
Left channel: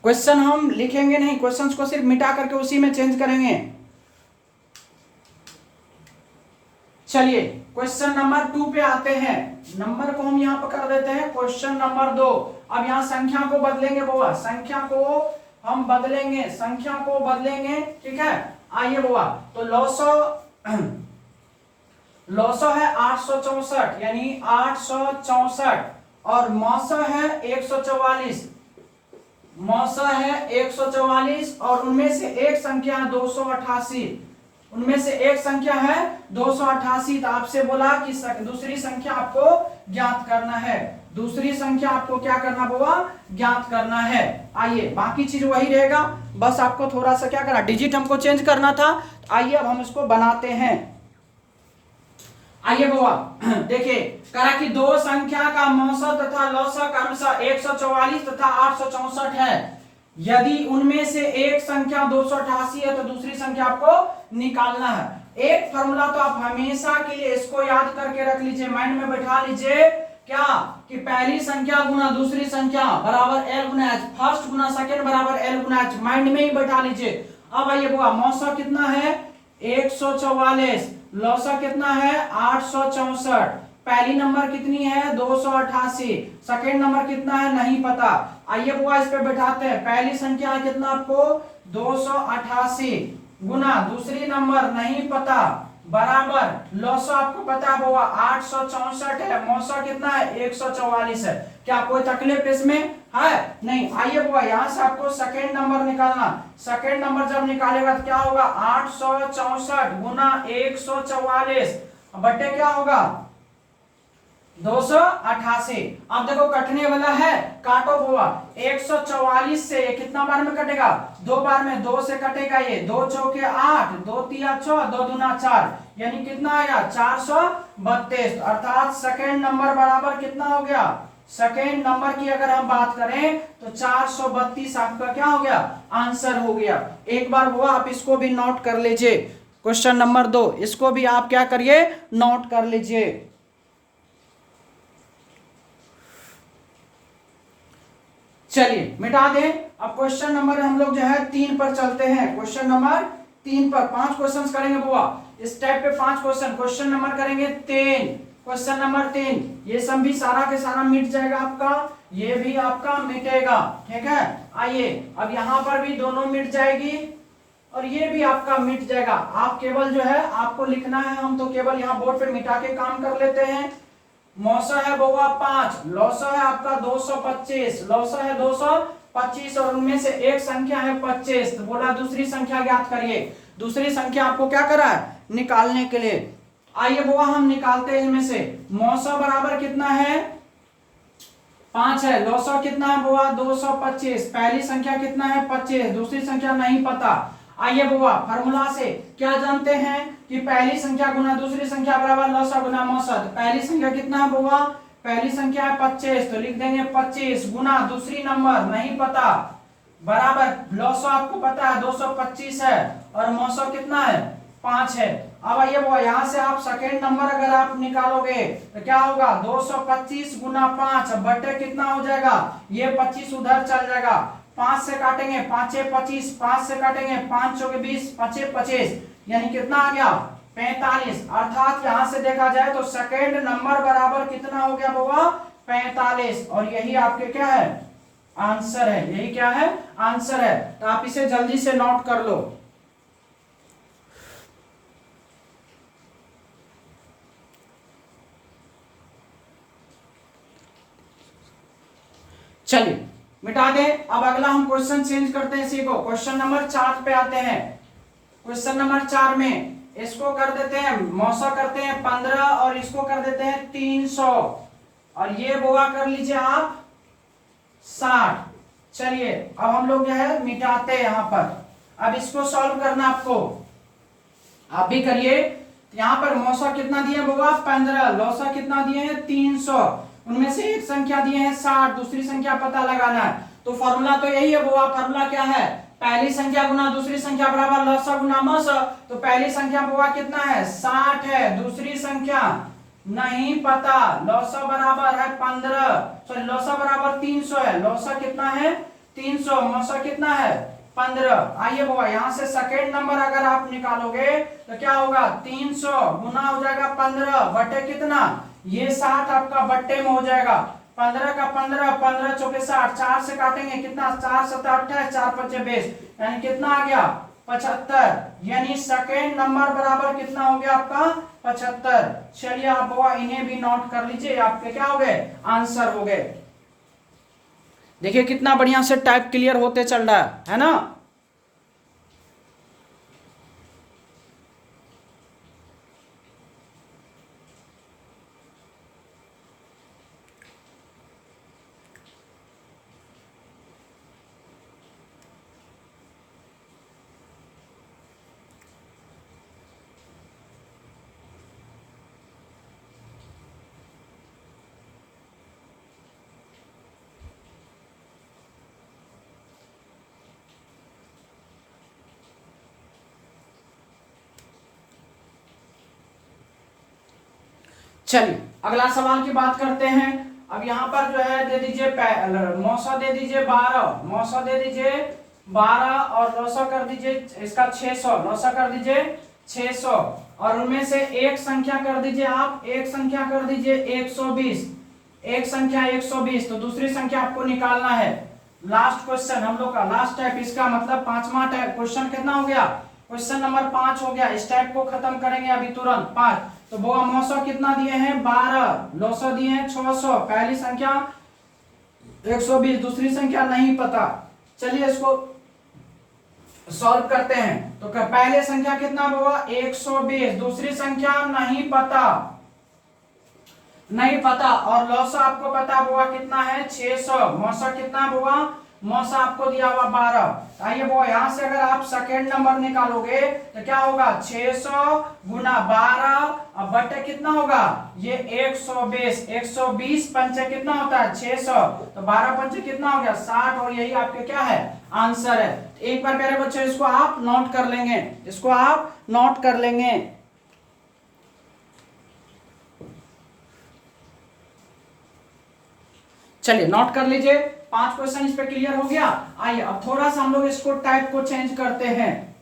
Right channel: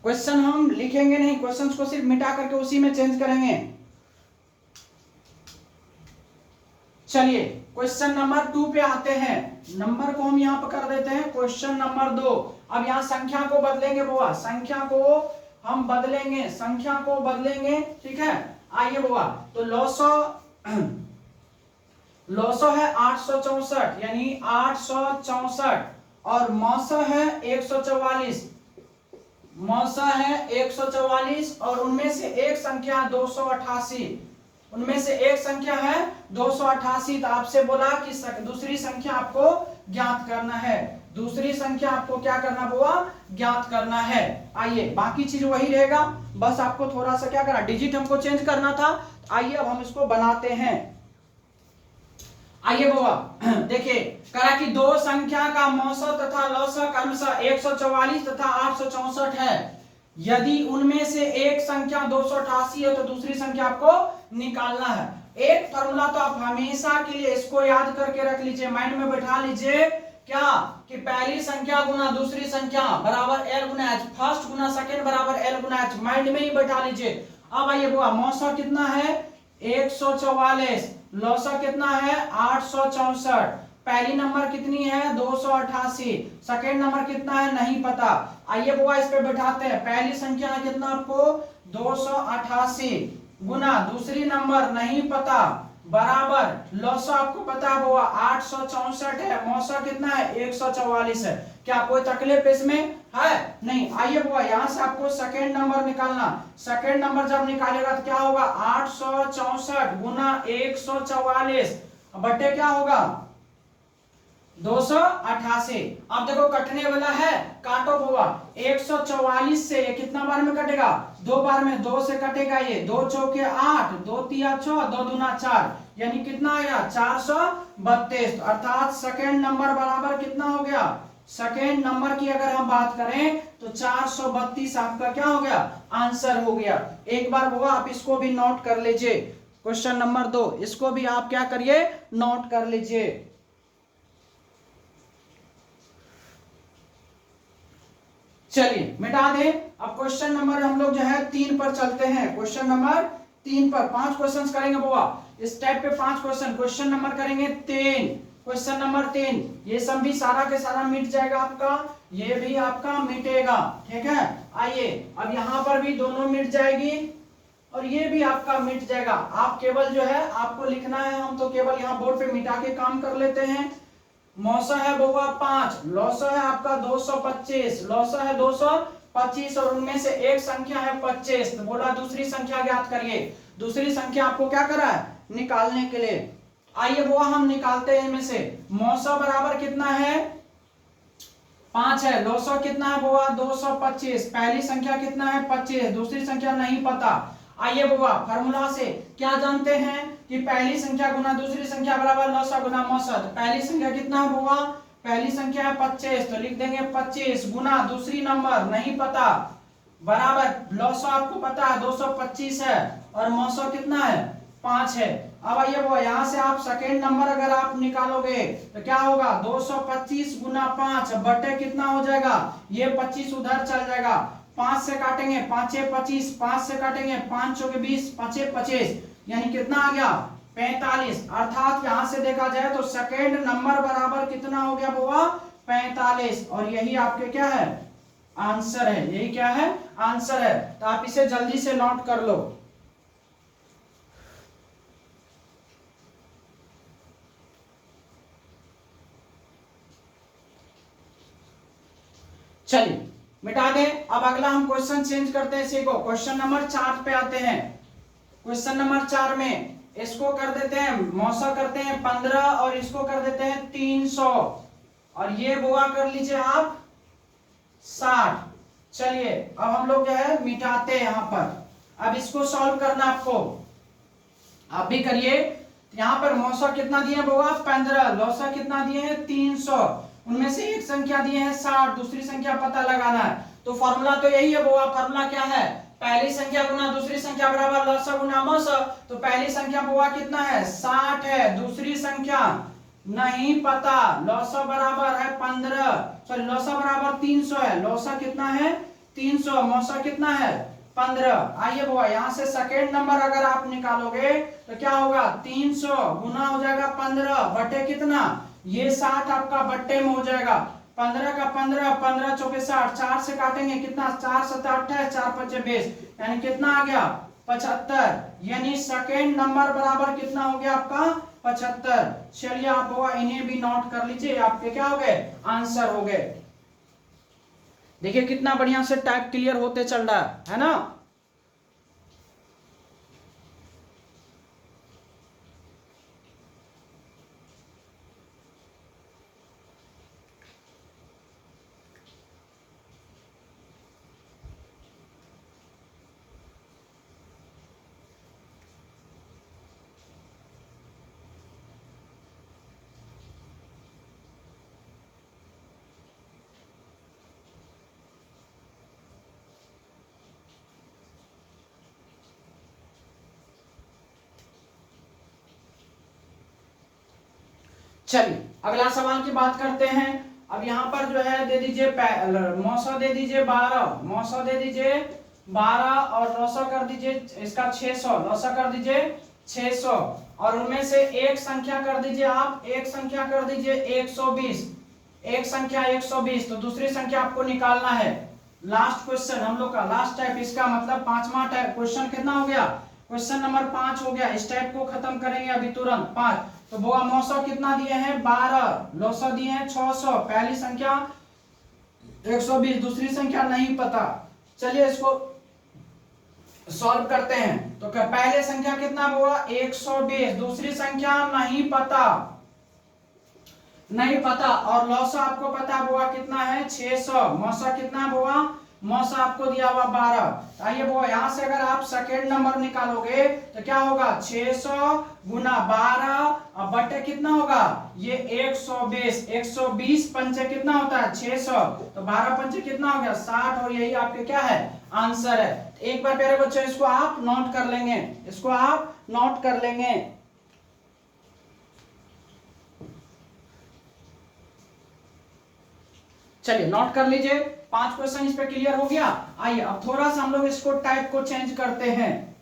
क्वेश्चन हम लिखेंगे नहीं, क्वेश्चंस को सिर्फ मिटा करके उसी में चेंज करेंगे। चलिए क्वेश्चन नंबर 2 पे आते हैं। नंबर को हम यहाँ पर कर देते हैं क्वेश्चन नंबर 2। अब यहाँ संख्या को बदलेंगे बुआ, संख्या को हम बदलेंगे, संख्या को बदलेंगे, ठीक है। आइए बुआ तो लौसो है 864 यानी 864 और मौसा है 144, मौसा है 144 और उनमें से एक संख्या 288, उनमें से एक संख्या है 288। तो आपसे बोला कि दूसरी संख्या आपको ज्ञात करना है, दूसरी संख्या आपको क्या करना होगा ज्ञात करना है। आइए बाकी चीज वही रहेगा, बस आपको थोड़ा सा क्या करना डिजिट हमको चेंज करना था। आइए अब हम इसको बनाते हैं। आइए बुआ देखिए करा कि दो संख्या का मौसा तथा लौसा क्रमशः 144 तथा 864 है। यदि उनमें से एक संख्या 288 है तो दूसरी संख्या आपको निकालना है। एक फॉर्मूला तो आप हमेशा के लिए इसको याद करके रख लीजिए, माइंड में बैठा लीजिए, क्या कि पहली संख्या गुना दूसरी संख्या बराबर एल गुना एच, फर्स्ट गुना सेकंड बराबर एल गुना एच, माइंड में ही बैठा लीजिए। अब आइए बुआ, मौसा कितना है 144, लौसा कितना है 864, पहली नंबर कितनी है 288, सेकंड नंबर कितना है नहीं पता। आइए बुआ इस पे बैठाते हैं, पहली संख्या है कितना आपको 288 गुना दूसरी नंबर नहीं पता बराबर लौसा आपको पता होगा 864 है, मौसा कितना है 144 है। क्या कोई तकलीफ इसमें है नहीं। आइए बुआ यहां से आपको सेकंड नंबर निकालना, सेकंड नंबर जब निकालेगा तो क्या होगा 864 गुना 144 बटे क्या होगा 288। अब देखो कटने वाला है, काटो हुआ 144 से ये कितना बार में कटेगा 2 बार में, 2 से कटेगा ये 2 चौके 8, 2 तिया 6, 2 दूना 4, यानी कितना आया 432। अर्थात सेकंड नंबर बराबर कितना हो गया, सेकंड नंबर की अगर हम बात करें तो 432 आपका क्या हो गया आंसर हो गया। एक बार हुआ आप इसको भी नोट कर लीजिए, क्वेश्चन नंबर 2 इसको भी आप क्या करिए नोट कर लीजिए। चलिए मिटा दें। अब क्वेश्चन नंबर हम लोग जो है 3 पर चलते हैं, क्वेश्चन नंबर 3 पर 5 क्वेश्चन करेंगे बुआ, इस टाइप पे 5 क्वेश्चन, क्वेश्चन नंबर करेंगे 3, क्वेश्चन नंबर 3, ये सब भी सारा के सारा मिट जाएगा आपका, ये भी आपका मिटेगा, ठीक है। आइए अब यहां पर भी दोनों मिट जाएगी और ये भी आपका मिट जाएगा। आप केवल जो है आपको लिखना है, हम तो केवल यहाँ बोर्ड पे मिटा के काम कर लेते हैं। मौसा है बउआ 5, लौसा है आपका 225, लौसा है 225 और उनमें से एक संख्या है 25, तो बोला दूसरी संख्या ज्ञात करिए। दूसरी संख्या आपको क्या करा है निकालने के लिए। आइए बुआ हम निकालते हैं इनमें से, मौसा बराबर कितना है 5 है, लौसा कितना है बुआ 225, पहली संख्या कितना है 25, दूसरी संख्या नहीं पता। आइए बुआ फार्मूला से क्या जानते हैं कि पहली संख्या गुना दूसरी संख्या बराबर लौसा गुना मौसा। तो पहली संख्या कितना है बुआ, पहली संख्या है 25, तो लिख देंगे 25 गुना दूसरी नंबर नहीं पता बराबर लौसा आपको पता है 225 है और मौसा कितना है 5 है। अब आइए बुआ यहां से आप सेकेंड नंबर अगर आप निकालोगे तो क्या होगा 225 गुना 5 बटे कितना हो जाएगा, ये 25 उधर चल जाएगा, 5 से काटेंगे 5 25, 5 से काटेंगे 5 चौके 20, 5 25, यानी कितना आ गया 45। अर्थात यहां से देखा जाए तो सेकेंड नंबर बराबर कितना हो गया बुआ 45, और यही आपके क्या है आंसर है, यही क्या है आंसर है। तो आप इसे जल्दी से नोट कर लो। चलिए मिटा दें। अब अगला हम क्वेश्चन चेंज करते हैं, सीखो क्वेश्चन नंबर 4 पे आते हैं। क्वेश्चन नंबर 4 में इसको कर देते हैं मौसा करते हैं 15 और इसको कर देते हैं 300 और ये बुआ कर लीजिए आप 60। चलिए अब हम लोग जो है मिटाते हैं यहां पर। अब इसको सॉल्व करना आपको, आप भी करिए। यहां पर मौसा कितना दिए बुआ 15, लौसा कितना दिए हैं 300, उनमें से एक संख्या दिए हैं 60, दूसरी संख्या पता लगाना है। तो फॉर्मूला तो यही है बुआ, फॉर्मूला क्या है पहली संख्या गुना दूसरी संख्या बराबर लौसा गुना मौसा। तो पहली संख्या बुआ कितना है 60 है, दूसरी संख्या नहीं पता, लौसा बराबर है 15, सॉरी लौसा बराबर 300 है, लौसा कितना है 300, मौसा कितना है 15। आइए बुआ यहां से सेकेंड नंबर अगर आप निकालोगे तो क्या होगा 300 गुना हो जाएगा 15 बटे कितना, ये 60 आपका बट्टे में हो जाएगा, 15 का 15, 15 चौके 60, 4 से काटेंगे कितना 4 7 28, 4 5 20, यानी कितना आ गया 75, यानी सेकेंड नंबर बराबर कितना हो गया आपका 75। चलिए आप वो इन्हें भी नोट कर लीजिए, आपके क्या हो गए आंसर हो गए। देखिए कितना बढ़िया से टाइप क्लियर होते चल रहा है ना। चलिए अगला सवाल की बात करते हैं। अब यहाँ पर जो है दे दीजिए मौसा दे दीजिए 12, मौसा दे दीजिए 12 और लौसा कर दीजिए इसका 600, लौसा कर दीजिए 600 और उनमें से एक संख्या कर दीजिए आप, एक संख्या कर दीजिए 120, एक संख्या 120। तो दूसरी संख्या आपको निकालना है। लास्ट क्वेश्चन हम लोग का लास्ट टाइप, इसका मतलब पांचवा टाइप क्वेश्चन कितना हो गया, क्वेश्चन नंबर 5 हो गया। इस टाइप को खत्म करेंगे अभी तुरंत 5। तो बोआ मौसा कितना दिए हैं 12, लौसा दिए हैं 600, पहली संख्या 120, दूसरी संख्या नहीं पता। चलिए इसको सॉल्व करते हैं। तो पहले संख्या कितना बोआ 120, दूसरी संख्या नहीं पता, नहीं पता और लौसा आपको पता बोआ कितना है 600, मौसा कितना बोआ, मौसा आपको दिया हुआ 12। आइए बोआ यहां से अगर आप सेकेंड नंबर निकालोगे तो क्या होगा 600 गुना 12 और बटे कितना होगा ये 120, 120 पंचे कितना होता है 600, तो 12 पंचे कितना हो गया 60 और यही आपके क्या है आंसर है। एक बार मेरे बच्चों इसको आप नोट कर लेंगे, इसको आप नोट कर लेंगे। चलिए नोट कर लीजिए, 5 क्वेश्चन इस पे क्लियर हो गया। आइए अब थोड़ा सा हम लोग इसको टाइप को चेंज करते हैं।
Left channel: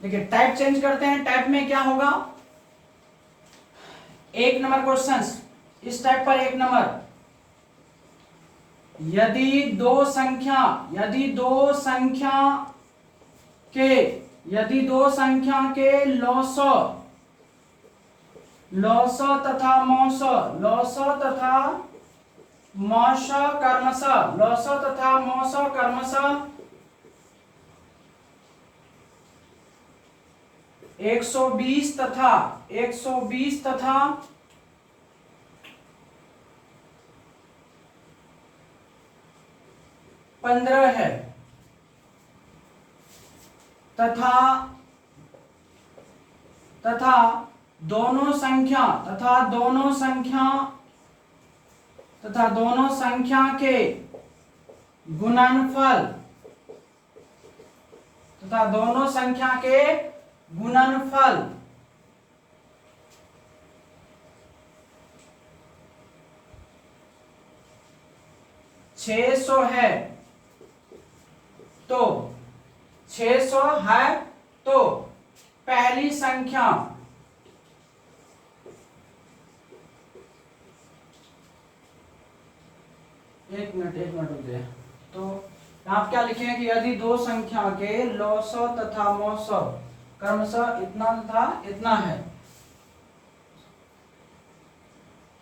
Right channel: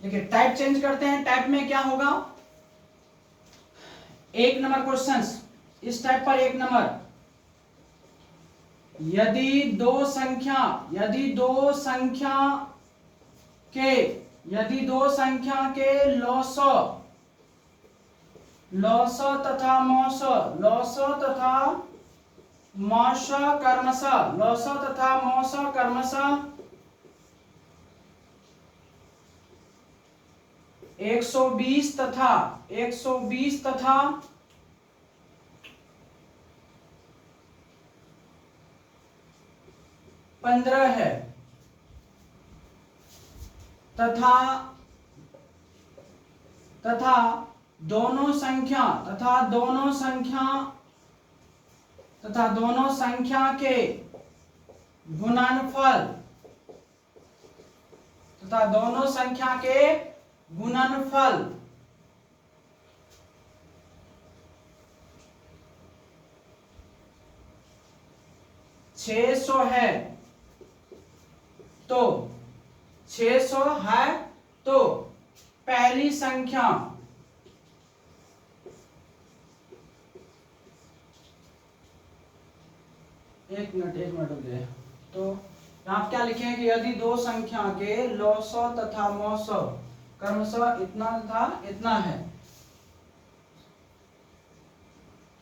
देखिए टाइप चेंज करते हैं। टाइप में क्या होगा, एक नंबर क्वेश्चन इस टाइप पर, एक नंबर यदि दो संख्या के लौस तथा मौस कर्मशः 120 तथा 15 है तथा दोनों संख्या के गुणनफल 600 है, तो 600 है तो पहली संख्या एक मिनट रुक जाए। तो आप क्या लिखेंगे कि यदि दो संख्या के लौस तथा मौस क्रमशः इतना तथा इतना है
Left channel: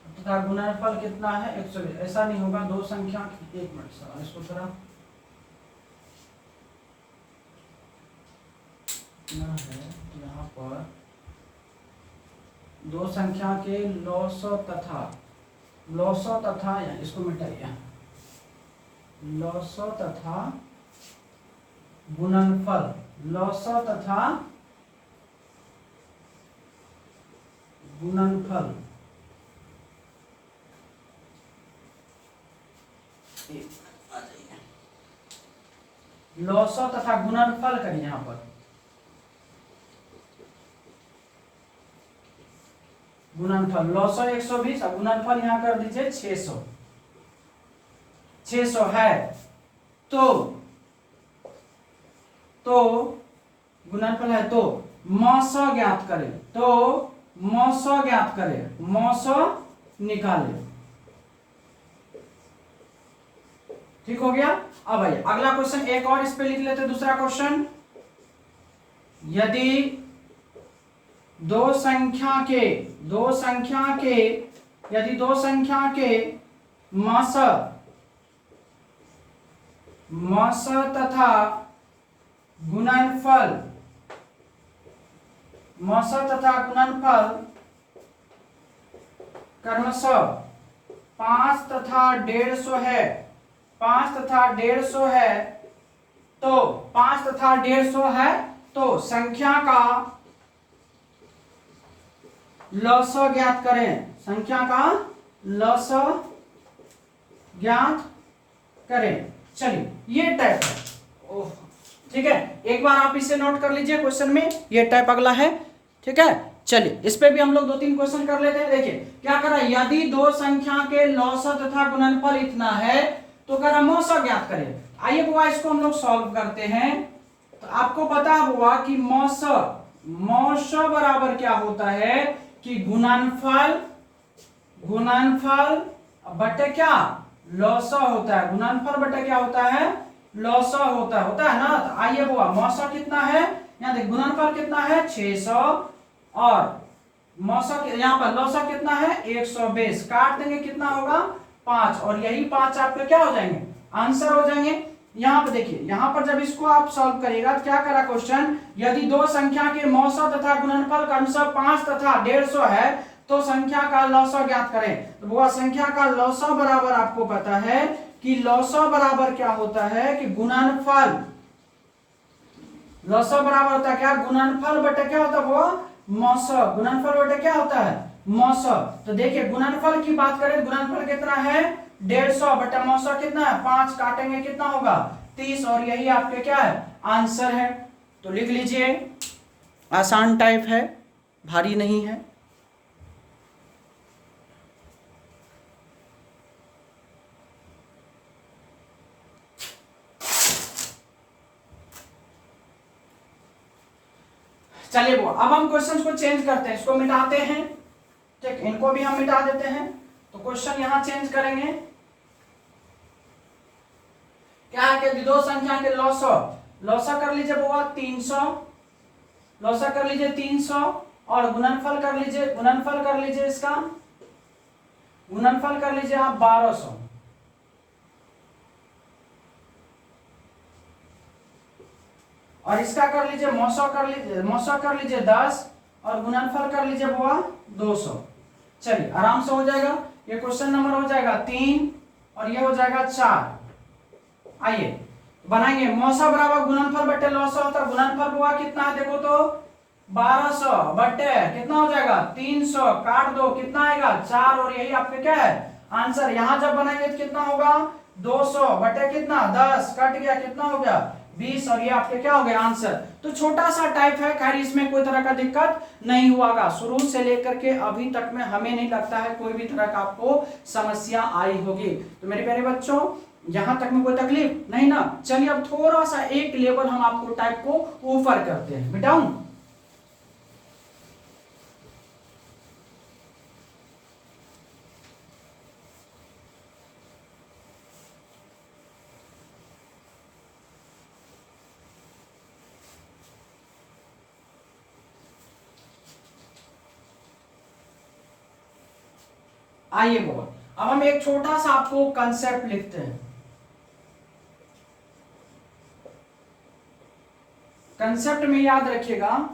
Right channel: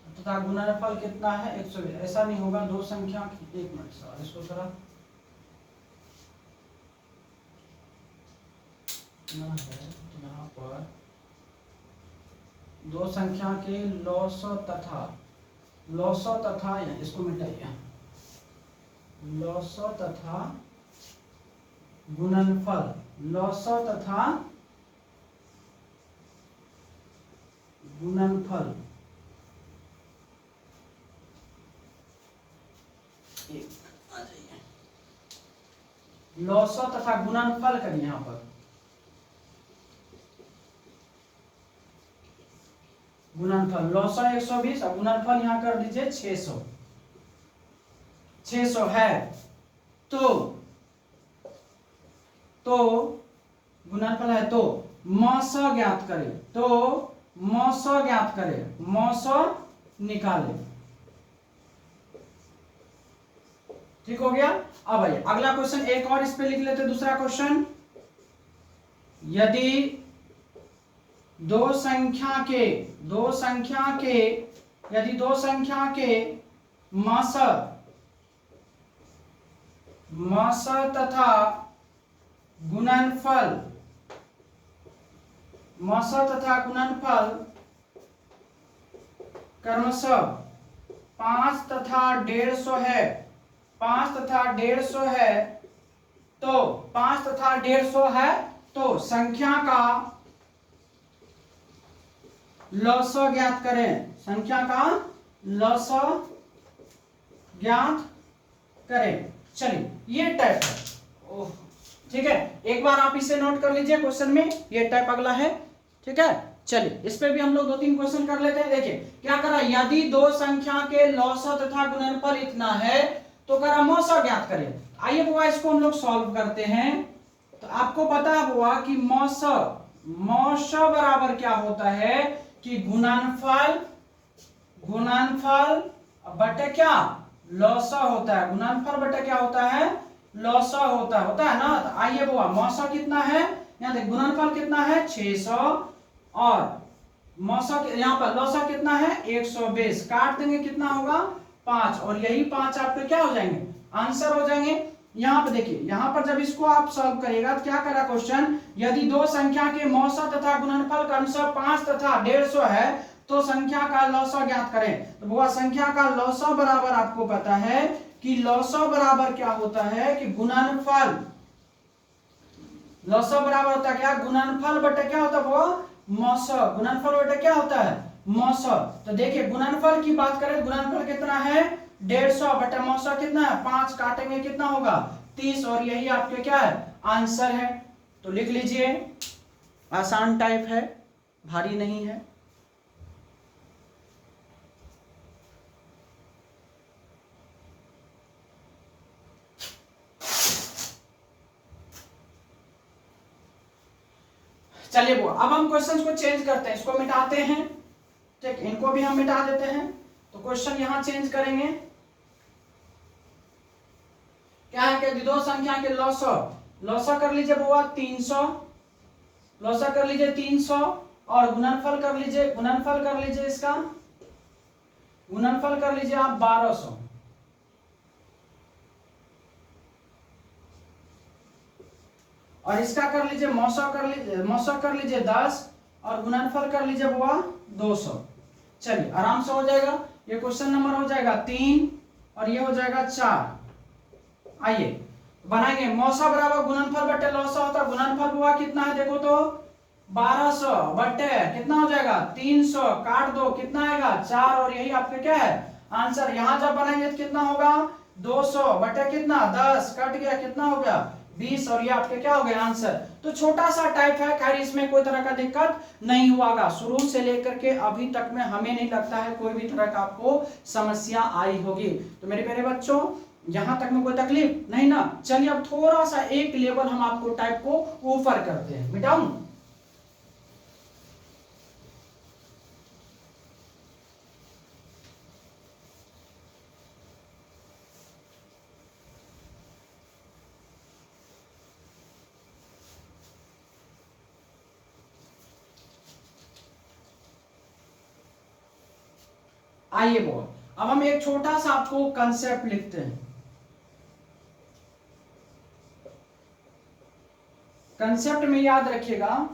तथा गुणनफल कितना है 120, ऐसा नहीं होगा दो संख्या, एक मिनट सर इसको थोड़ा है यहाँ पर दो संख्या के लौस तथा इसको मिटाइए, लौस तथा गुणनफल, लौस तथा गुणनफल लौस तथा गुणनफल करिए यहां पर गुणनफल लौस 120 और गुणनफल यहां कर दीजिए 600 है तो गुणनफल है तो मौस ज्ञात करें, मौस निकाले। ठीक हो गया। अब आइए अगला क्वेश्चन एक और इस पे लिख लेते हैं, दूसरा क्वेश्चन यदि दो संख्या के मस तथा गुणनफल क्रमशः 5 तथा 150 है, 5 तथा 150 है तो 5 तथा 150 है तो संख्या का लौस ज्ञात करें, संख्या का लौस ज्ञात करें। चलिए ये टाइप है। ओह ठीक है, एक बार आप इसे नोट कर लीजिए क्वेश्चन में, ये टाइप अगला है। ठीक है, चलिए इस पे भी हम लोग 2-3 क्वेश्चन कर लेते हैं। देखिए क्या करा, यदि दो संख्या के लौसा तथा गुणनफल इतना है तो करा मौसा ज्ञात करें। आइए बुआ इसको हम लोग सॉल्व करते हैं। तो आपको पता हुआ कि मौसा बराबर क्या होता है कि गुणनफल बटे क्या लौसा होता है। गुणनफल बटे क्या होता है, लौसा होता है ना। तो आइए बुआ मौसा कितना है, यहाँ देख गुणनफल कितना है 600 और मौसा यहाँ पर लौसा कितना है 120, काट देंगे कितना होगा 5, और यही 5 आपके क्या हो जाएंगे, आंसर हो जाएंगे। यहाँ पर देखिए, यहाँ पर जब इसको आप सॉल्व करिएगा तो क्या करा क्वेश्चन, यदि दो संख्या के मौसा तथा गुणनफल क्रमशः 5 तथा 150 है तो संख्या का लौसा ज्ञात करें। तो वो संख्या का लौसा बराबर आपको पता है कि लौसा बराबर क्या होता है कि गुणनफल, लौसा बराबर होता है क्या, गुणनफल बटे क्या होता है वो मौसा। गुणनफल बटे क्या होता है मौसा। तो देखिए गुणनफल की बात करें, गुणनफल कितना है 150 बटे मौसा कितना है 5, काटेंगे कितना होगा 30, और यही आपके क्या है आंसर है। तो लिख लीजिए, आसान टाइप है, भारी नहीं है। चलिए वो अब हम क्वेश्चंस को चेंज करते हैं, इसको मिटाते हैं। ठीक, इनको भी हम मिटा देते हैं। तो क्वेश्चन यहां चेंज करेंगे। क्या है कि दो संख्या के लौसा कर लीजिए बुआ 300, लौसा कर लीजिए 300 और गुणनफल कर लीजिए इसका गुणनफल कर लीजिए आप 1200। और इसका कर लीजिए मौसा कर लीजिए 10 और गुणनफल कर लीजिए बुआ 200। चलिए आराम से हो जाएगा। ये क्वेश्चन नंबर हो जाएगा 3 और ये हो जाएगा 4। आइए बनाएंगे, मौसा बराबर गुणनफल बटे लौसा होता है। गुणनफल हुआ कितना है देखो तो 1200 बटे कितना हो जाएगा 300, काट दो कितना आएगा 4, और यही आपके क्या है आंसर। यहां जब बनाएंगे तो कितना होगा 200 बटे कितना 10, कट गया कितना हो गया 20, और ये आपके क्या हो गया आंसर। तो छोटा सा टाइप है, खैर इसमें कोई तरह का दिक्कत नहीं हुआगा। शुरू से लेकर के अभी तक में हमें नहीं लगता है कोई भी तरह का आपको समस्या आई होगी। तो मेरे प्यारे बच्चों यहां तक में कोई तकलीफ नहीं ना। चलिए अब थोड़ा सा एक लेवल हम आपको टाइप को ऊपर करते हैं, मिटाऊं। आइए बोल, अब हम एक छोटा सा आपको कंसेप्ट लिखते हैं। कंसेप्ट में याद रखिएगा,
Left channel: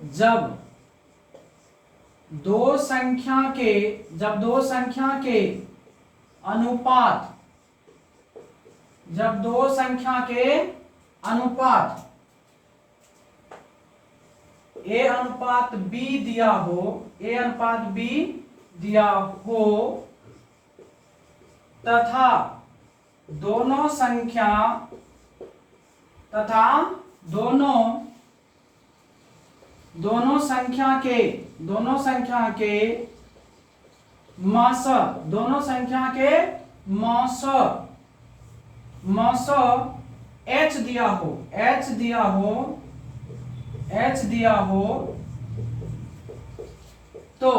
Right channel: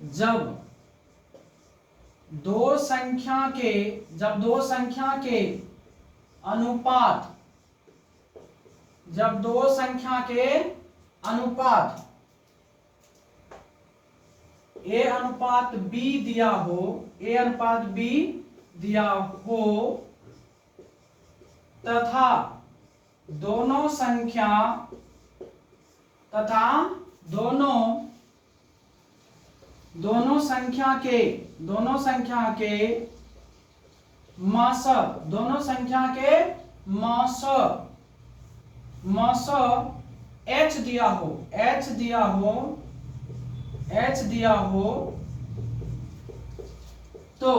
जब दो संख्या के अनुपात ए अनुपात बी दिया हो तथा दोनों संख्या के मौस h दिया हो तो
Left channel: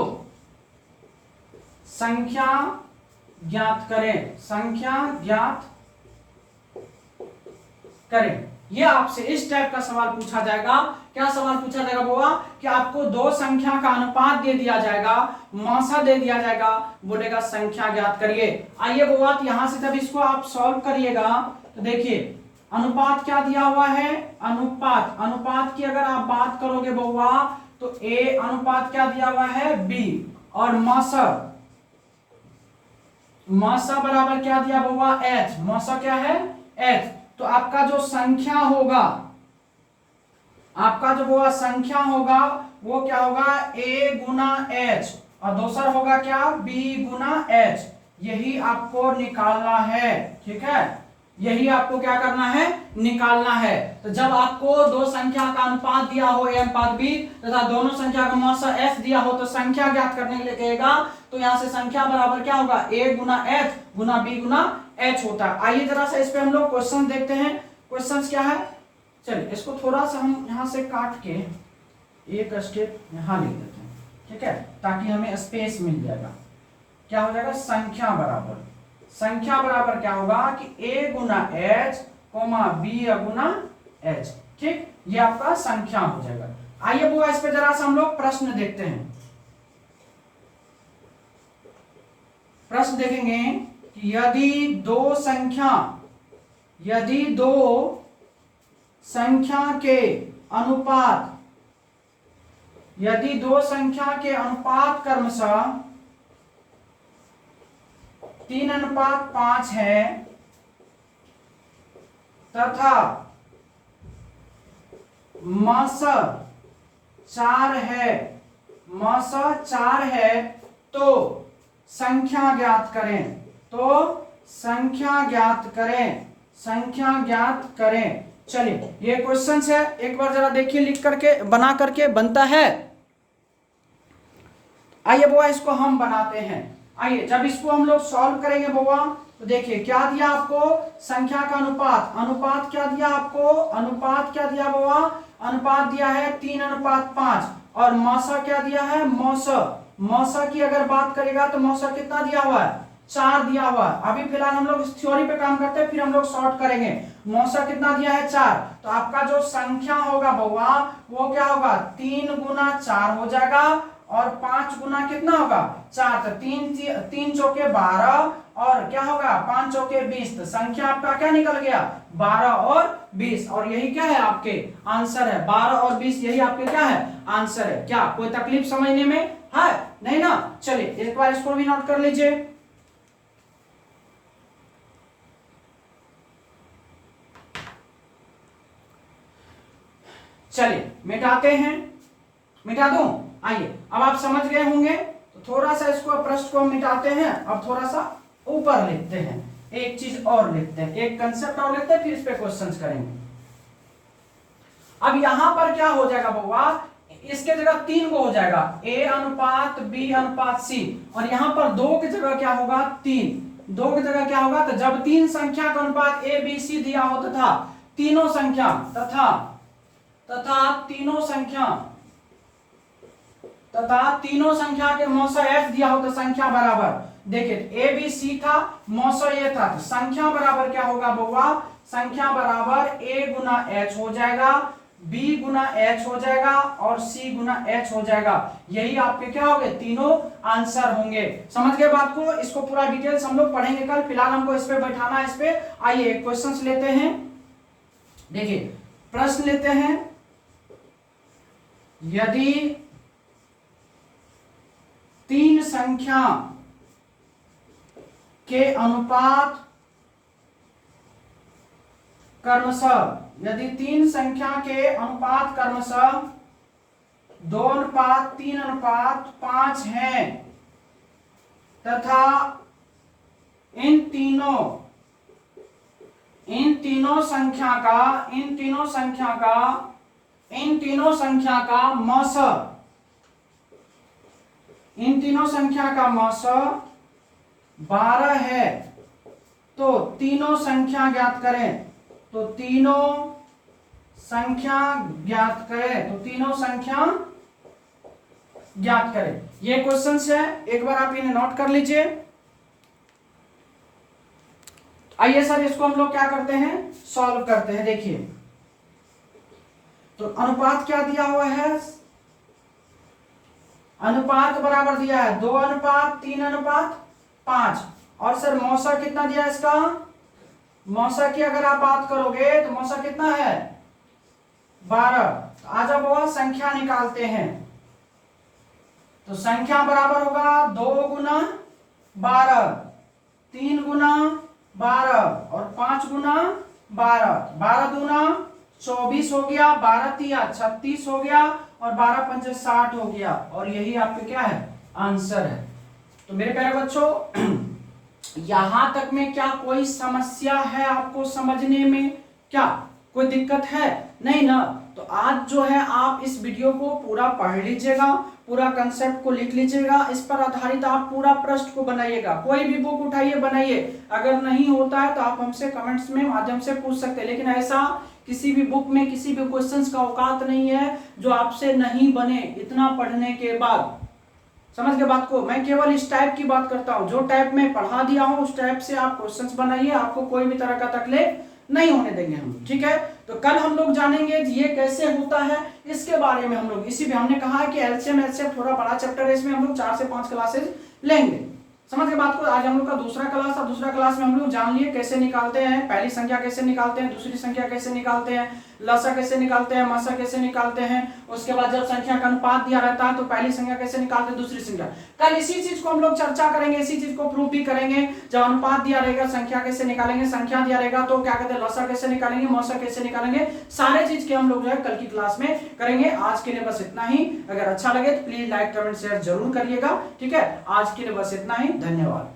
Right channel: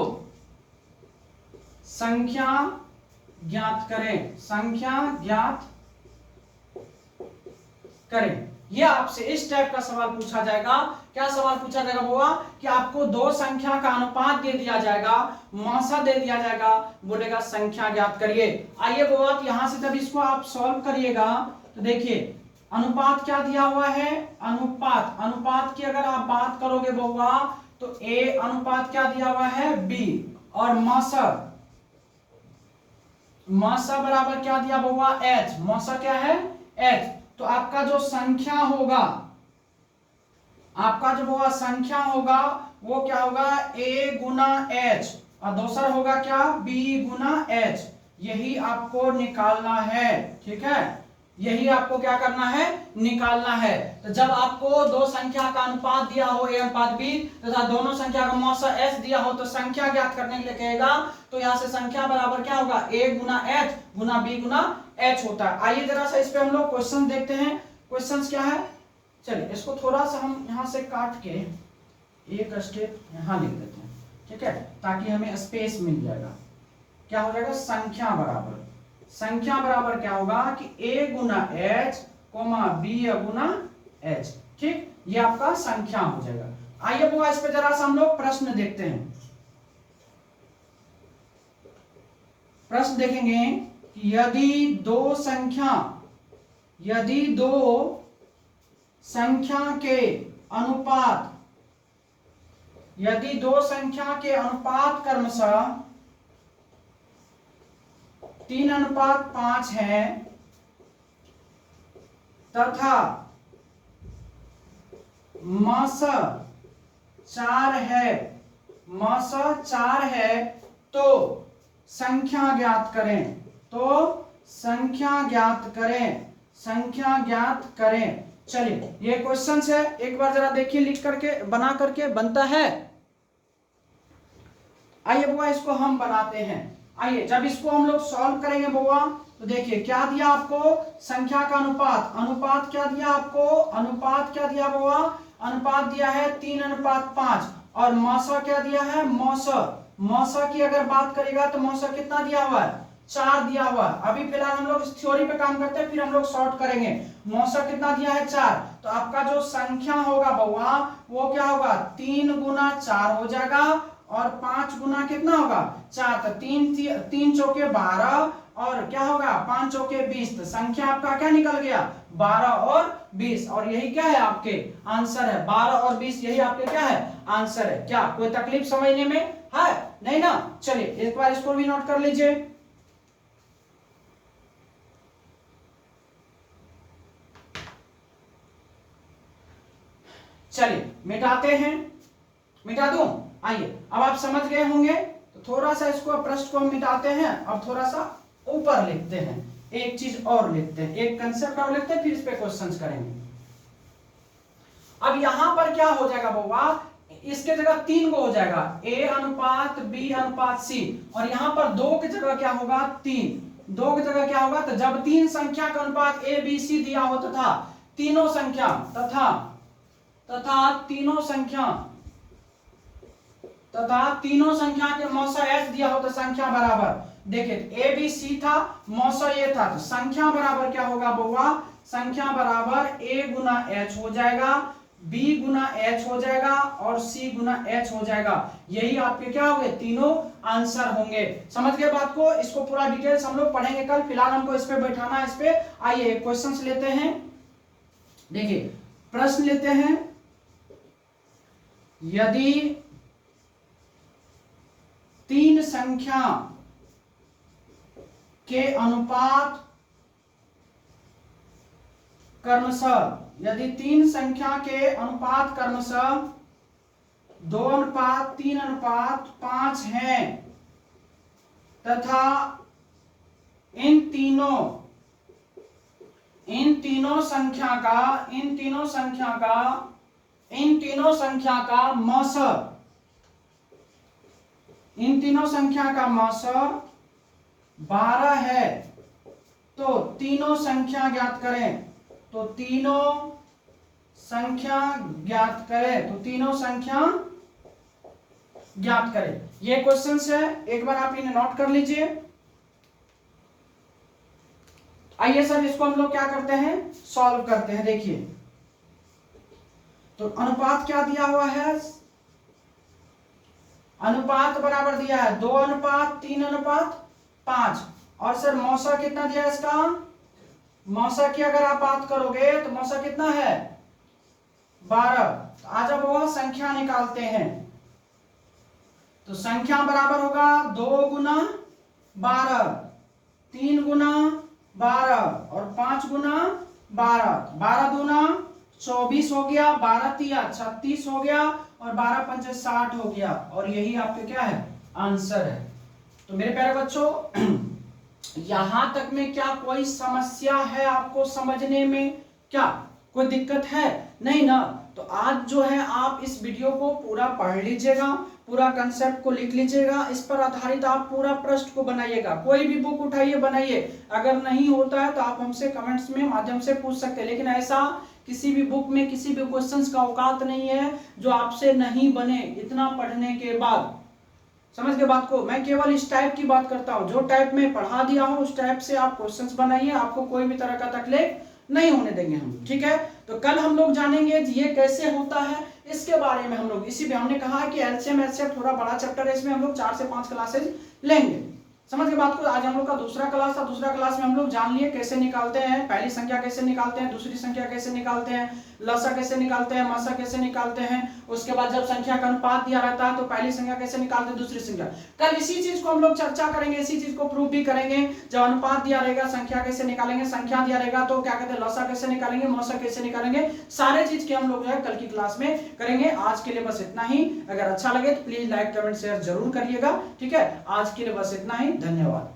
संख्या ज्ञात करें। ये आपसे इस टाइप का सवाल पूछा जाएगा। क्या सवाल पूछा जाएगा बुआ कि आपको दो संख्या का अनुपात दे दिया जाएगा, मौसा दे दिया जाएगा, बोलेगा संख्या ज्ञात करिए। आइए बुआ यहां से जब इसको आप सॉल्व करिएगा तो देखिए अनुपात क्या दिया हुआ है, अनुपात की अगर आप बात करोगे बुआ तो ए अनुपात क्या दिया हुआ है बी, और मौसा बराबर क्या दिया बुआ एच, मौसा क्या है एच। तो आपका जो संख्या होगा आपका जो होगा संख्या होगा वो क्या होगा a गुना h, और दूसरा होगा क्या b गुना h। यही आपको निकालना है, ठीक है, यही आपको क्या करना है, निकालना है। तो जब आपको दो संख्या का अनुपात दिया हो a अनुपात b तथा दोनों संख्या का मौसा s दिया हो तो संख्या ज्ञात करने के लिए कहेगा, तो यहां से संख्या बराबर क्या होगा a गुना h गुना b गुना h होता है। आइए जरा सा इस पे हम लोग क्वेश्चन देखते हैं। क्वेश्चन क्या है, चलिए इसको थोड़ा सा हम यहां से काट के एक स्टेप यहां लिख देते हैं, ठीक है, ताकि हमें स्पेस मिल जाएगा। क्या हो जाएगा, संख्या बराबर क्या होगा कि a गुना h कोमा b गुना h, ठीक, ये आपका संख्या हो जाएगा। आइए बुआ इस पे जरा सा हम लोग प्रश्न देखते हैं। प्रश्न देखेंगे कि यदि दो संख्या के अनुपात, यदि दो संख्या के अनुपात क्रमशः 3:5 है तथा मौसा 4 है, तो संख्या ज्ञात करें। चलिए ये क्वेश्चन है, एक बार जरा देखिए लिख करके बना करके बनता है। आइए बुआ इसको हम बनाते हैं। आइए जब इसको हम लोग सॉल्व करेंगे बुआ तो देखिए क्या दिया आपको, संख्या का अनुपात क्या दिया आपको, अनुपात क्या दिया बुआ, अनुपात दिया है 3:5, और मौसा क्या दिया है, मौसा की अगर बात करेगा तो मौसा कितना दिया हुआ है, 4 दिया हुआ है। अभी फिलहाल हम लोग इस थ्योरी पे काम करते हैं, फिर हम लोग सॉर्ट करेंगे। मौसा कितना दिया है, 4, तो आपका जो संख्या होगा बउआ वो क्या होगा 3 गुना 4 हो जाएगा, और 5 गुना कितना होगा 4, तो 3 चौके 12, और क्या होगा 5 चौके 20, तो संख्या आपका क्या निकल गया 12 और 20, और यही क्या है आपके आंसर है, 12 और 20 यही आपके क्या है आंसर है। क्या कोई तकलीफ समझने में है, नहीं ना। चलिए एक बार इसको भी नोट कर लीजिए। चलिए मिटाते हैं, मिटा दूं। आइए अब आप समझ गए होंगे, तो थोड़ा सा इसको पृष्ठ को हम मिटाते हैं, अब थोड़ा सा ऊपर लिखते हैं, एक चीज और लिखते हैं, एक कंसेप्ट और लिखते हैं, फिर इस पे क्वेश्चंस करेंगे। अब यहां पर क्या हो जाएगा बउआ, इसके जगह 3 को हो जाएगा a अनुपात b अनुपात c, और यहां पर 2 की जगह क्या होगा 3, 2 की जगह क्या होगा, तो जब 3 संख्या का अनुपात a b c दिया हो तथा तीनों संख्या के मौसा h दिया हो तो संख्या बराबर, देखिए a b c था, मौसा ये था, तो संख्या बराबर क्या होगा बउआ, संख्या बराबर a गुना h हो जाएगा, b गुना h हो जाएगा, और c गुना h हो जाएगा। यही आपके क्या होंगे, तीनों आंसर होंगे। समझ गए बात को, इसको पूरा डिटेल्स हम लोग पढ़ेंगे कल, फिलहाल हमको इस पे बैठाना है। इस पे आइए क्वेश्चंस लेते हैं। देखिए प्रश्न लेते हैं, यदि 3 संख्या के अनुपात क्रमशः, यदि 3 संख्या के अनुपात क्रमशः 2:3:5 हैं तथा इन तीनों संख्या का मौसा 12 है, तो तीनों संख्या ज्ञात करें, ये क्वेश्चन है, एक बार आप इन्हें नोट कर लीजिए। आइए सर इसको हम लोग क्या करते हैं, सॉल्व करते हैं। देखिए तो अनुपात क्या दिया हुआ है, अनुपात बराबर दिया है 2:3:5, और सर मौसा कितना दिया है इसका, मौसा की अगर आप बात करोगे तो मौसा कितना है 12। तो आज अब वह संख्या निकालते हैं, तो संख्या बराबर होगा 2 गुना 12, 3 गुना 12 और 5 गुना 12, 12 दूना 24 हो गया, 12 तिया 36 हो गया और 12 पंचे 60 हो गया और यही आपके क्या है आंसर है। तो मेरे प्यारे बच्चों यहां तक में क्या कोई समस्या है आपको समझने में, क्या कोई दिक्कत है? नहीं ना। तो आज जो है आप इस वीडियो को पूरा पढ़ लीजिएगा, पूरा कंसेप्ट को लिख लीजिएगा, इस पर आधारित आप पूरा प्रश्न को बनाइएगा। कोई भी बुक उठाइए बनाइए, अगर नहीं होता है तो आप हमसे कमेंट्स में माध्यम से पूछ सकते हैं, लेकिन ऐसा किसी भी बुक में किसी भी क्वेश्चंस का औकात नहीं है जो आपसे नहीं बने इतना पढ़ने के बाद। समझ के बात को, मैं केवल इस टाइप की बात करता हूं, जो टाइप में पढ़ा दिया हूं उस टाइप से आप क्वेश्चंस बनाइए, आपको कोई भी तरह का तकलीफ नहीं होने देंगे हम, ठीक है। तो कल हम लोग जानेंगे ये कैसे होता है, इसके बारे में हम लोग, इसी में हमने कहा है कि एलसीएम एचसीएफ थोड़ा बड़ा चैप्टर है, इसमें हम लोग 4 से 5 क्लासेज लेंगे। समझ के बात को, आज हम लोग का दूसरा क्लास था, दूसरा क्लास में हम लोग जान लिए कैसे निकालते हैं, पहली संख्या कैसे निकालते हैं, दूसरी संख्या कैसे निकालते हैं, लसा कैसे निकालते हैं, मसा कैसे निकालते हैं, उसके बाद जब संख्या का अनुपात दिया रहता है तो पहली संख्या कैसे निकालते हैं, दूसरी संख्या। कल इसी चीज को हम लोग चर्चा करेंगे, इसी चीज को प्रूफ भी करेंगे। जब अनुपात दिया रहेगा संख्या कैसे निकालेंगे, संख्या दिया रहेगा तो क्या कहते हैं लसा कैसे निकालेंगे, मौसा कैसे निकालेंगे, सारे चीज के हम लोग जो है कल की क्लास में करेंगे। आज के लिए बस इतना ही, अगर अच्छा लगे तो प्लीज लाइक कमेंट शेयर जरूर करिएगा, ठीक है। आज के लिए बस इतना ही, धन्यवाद।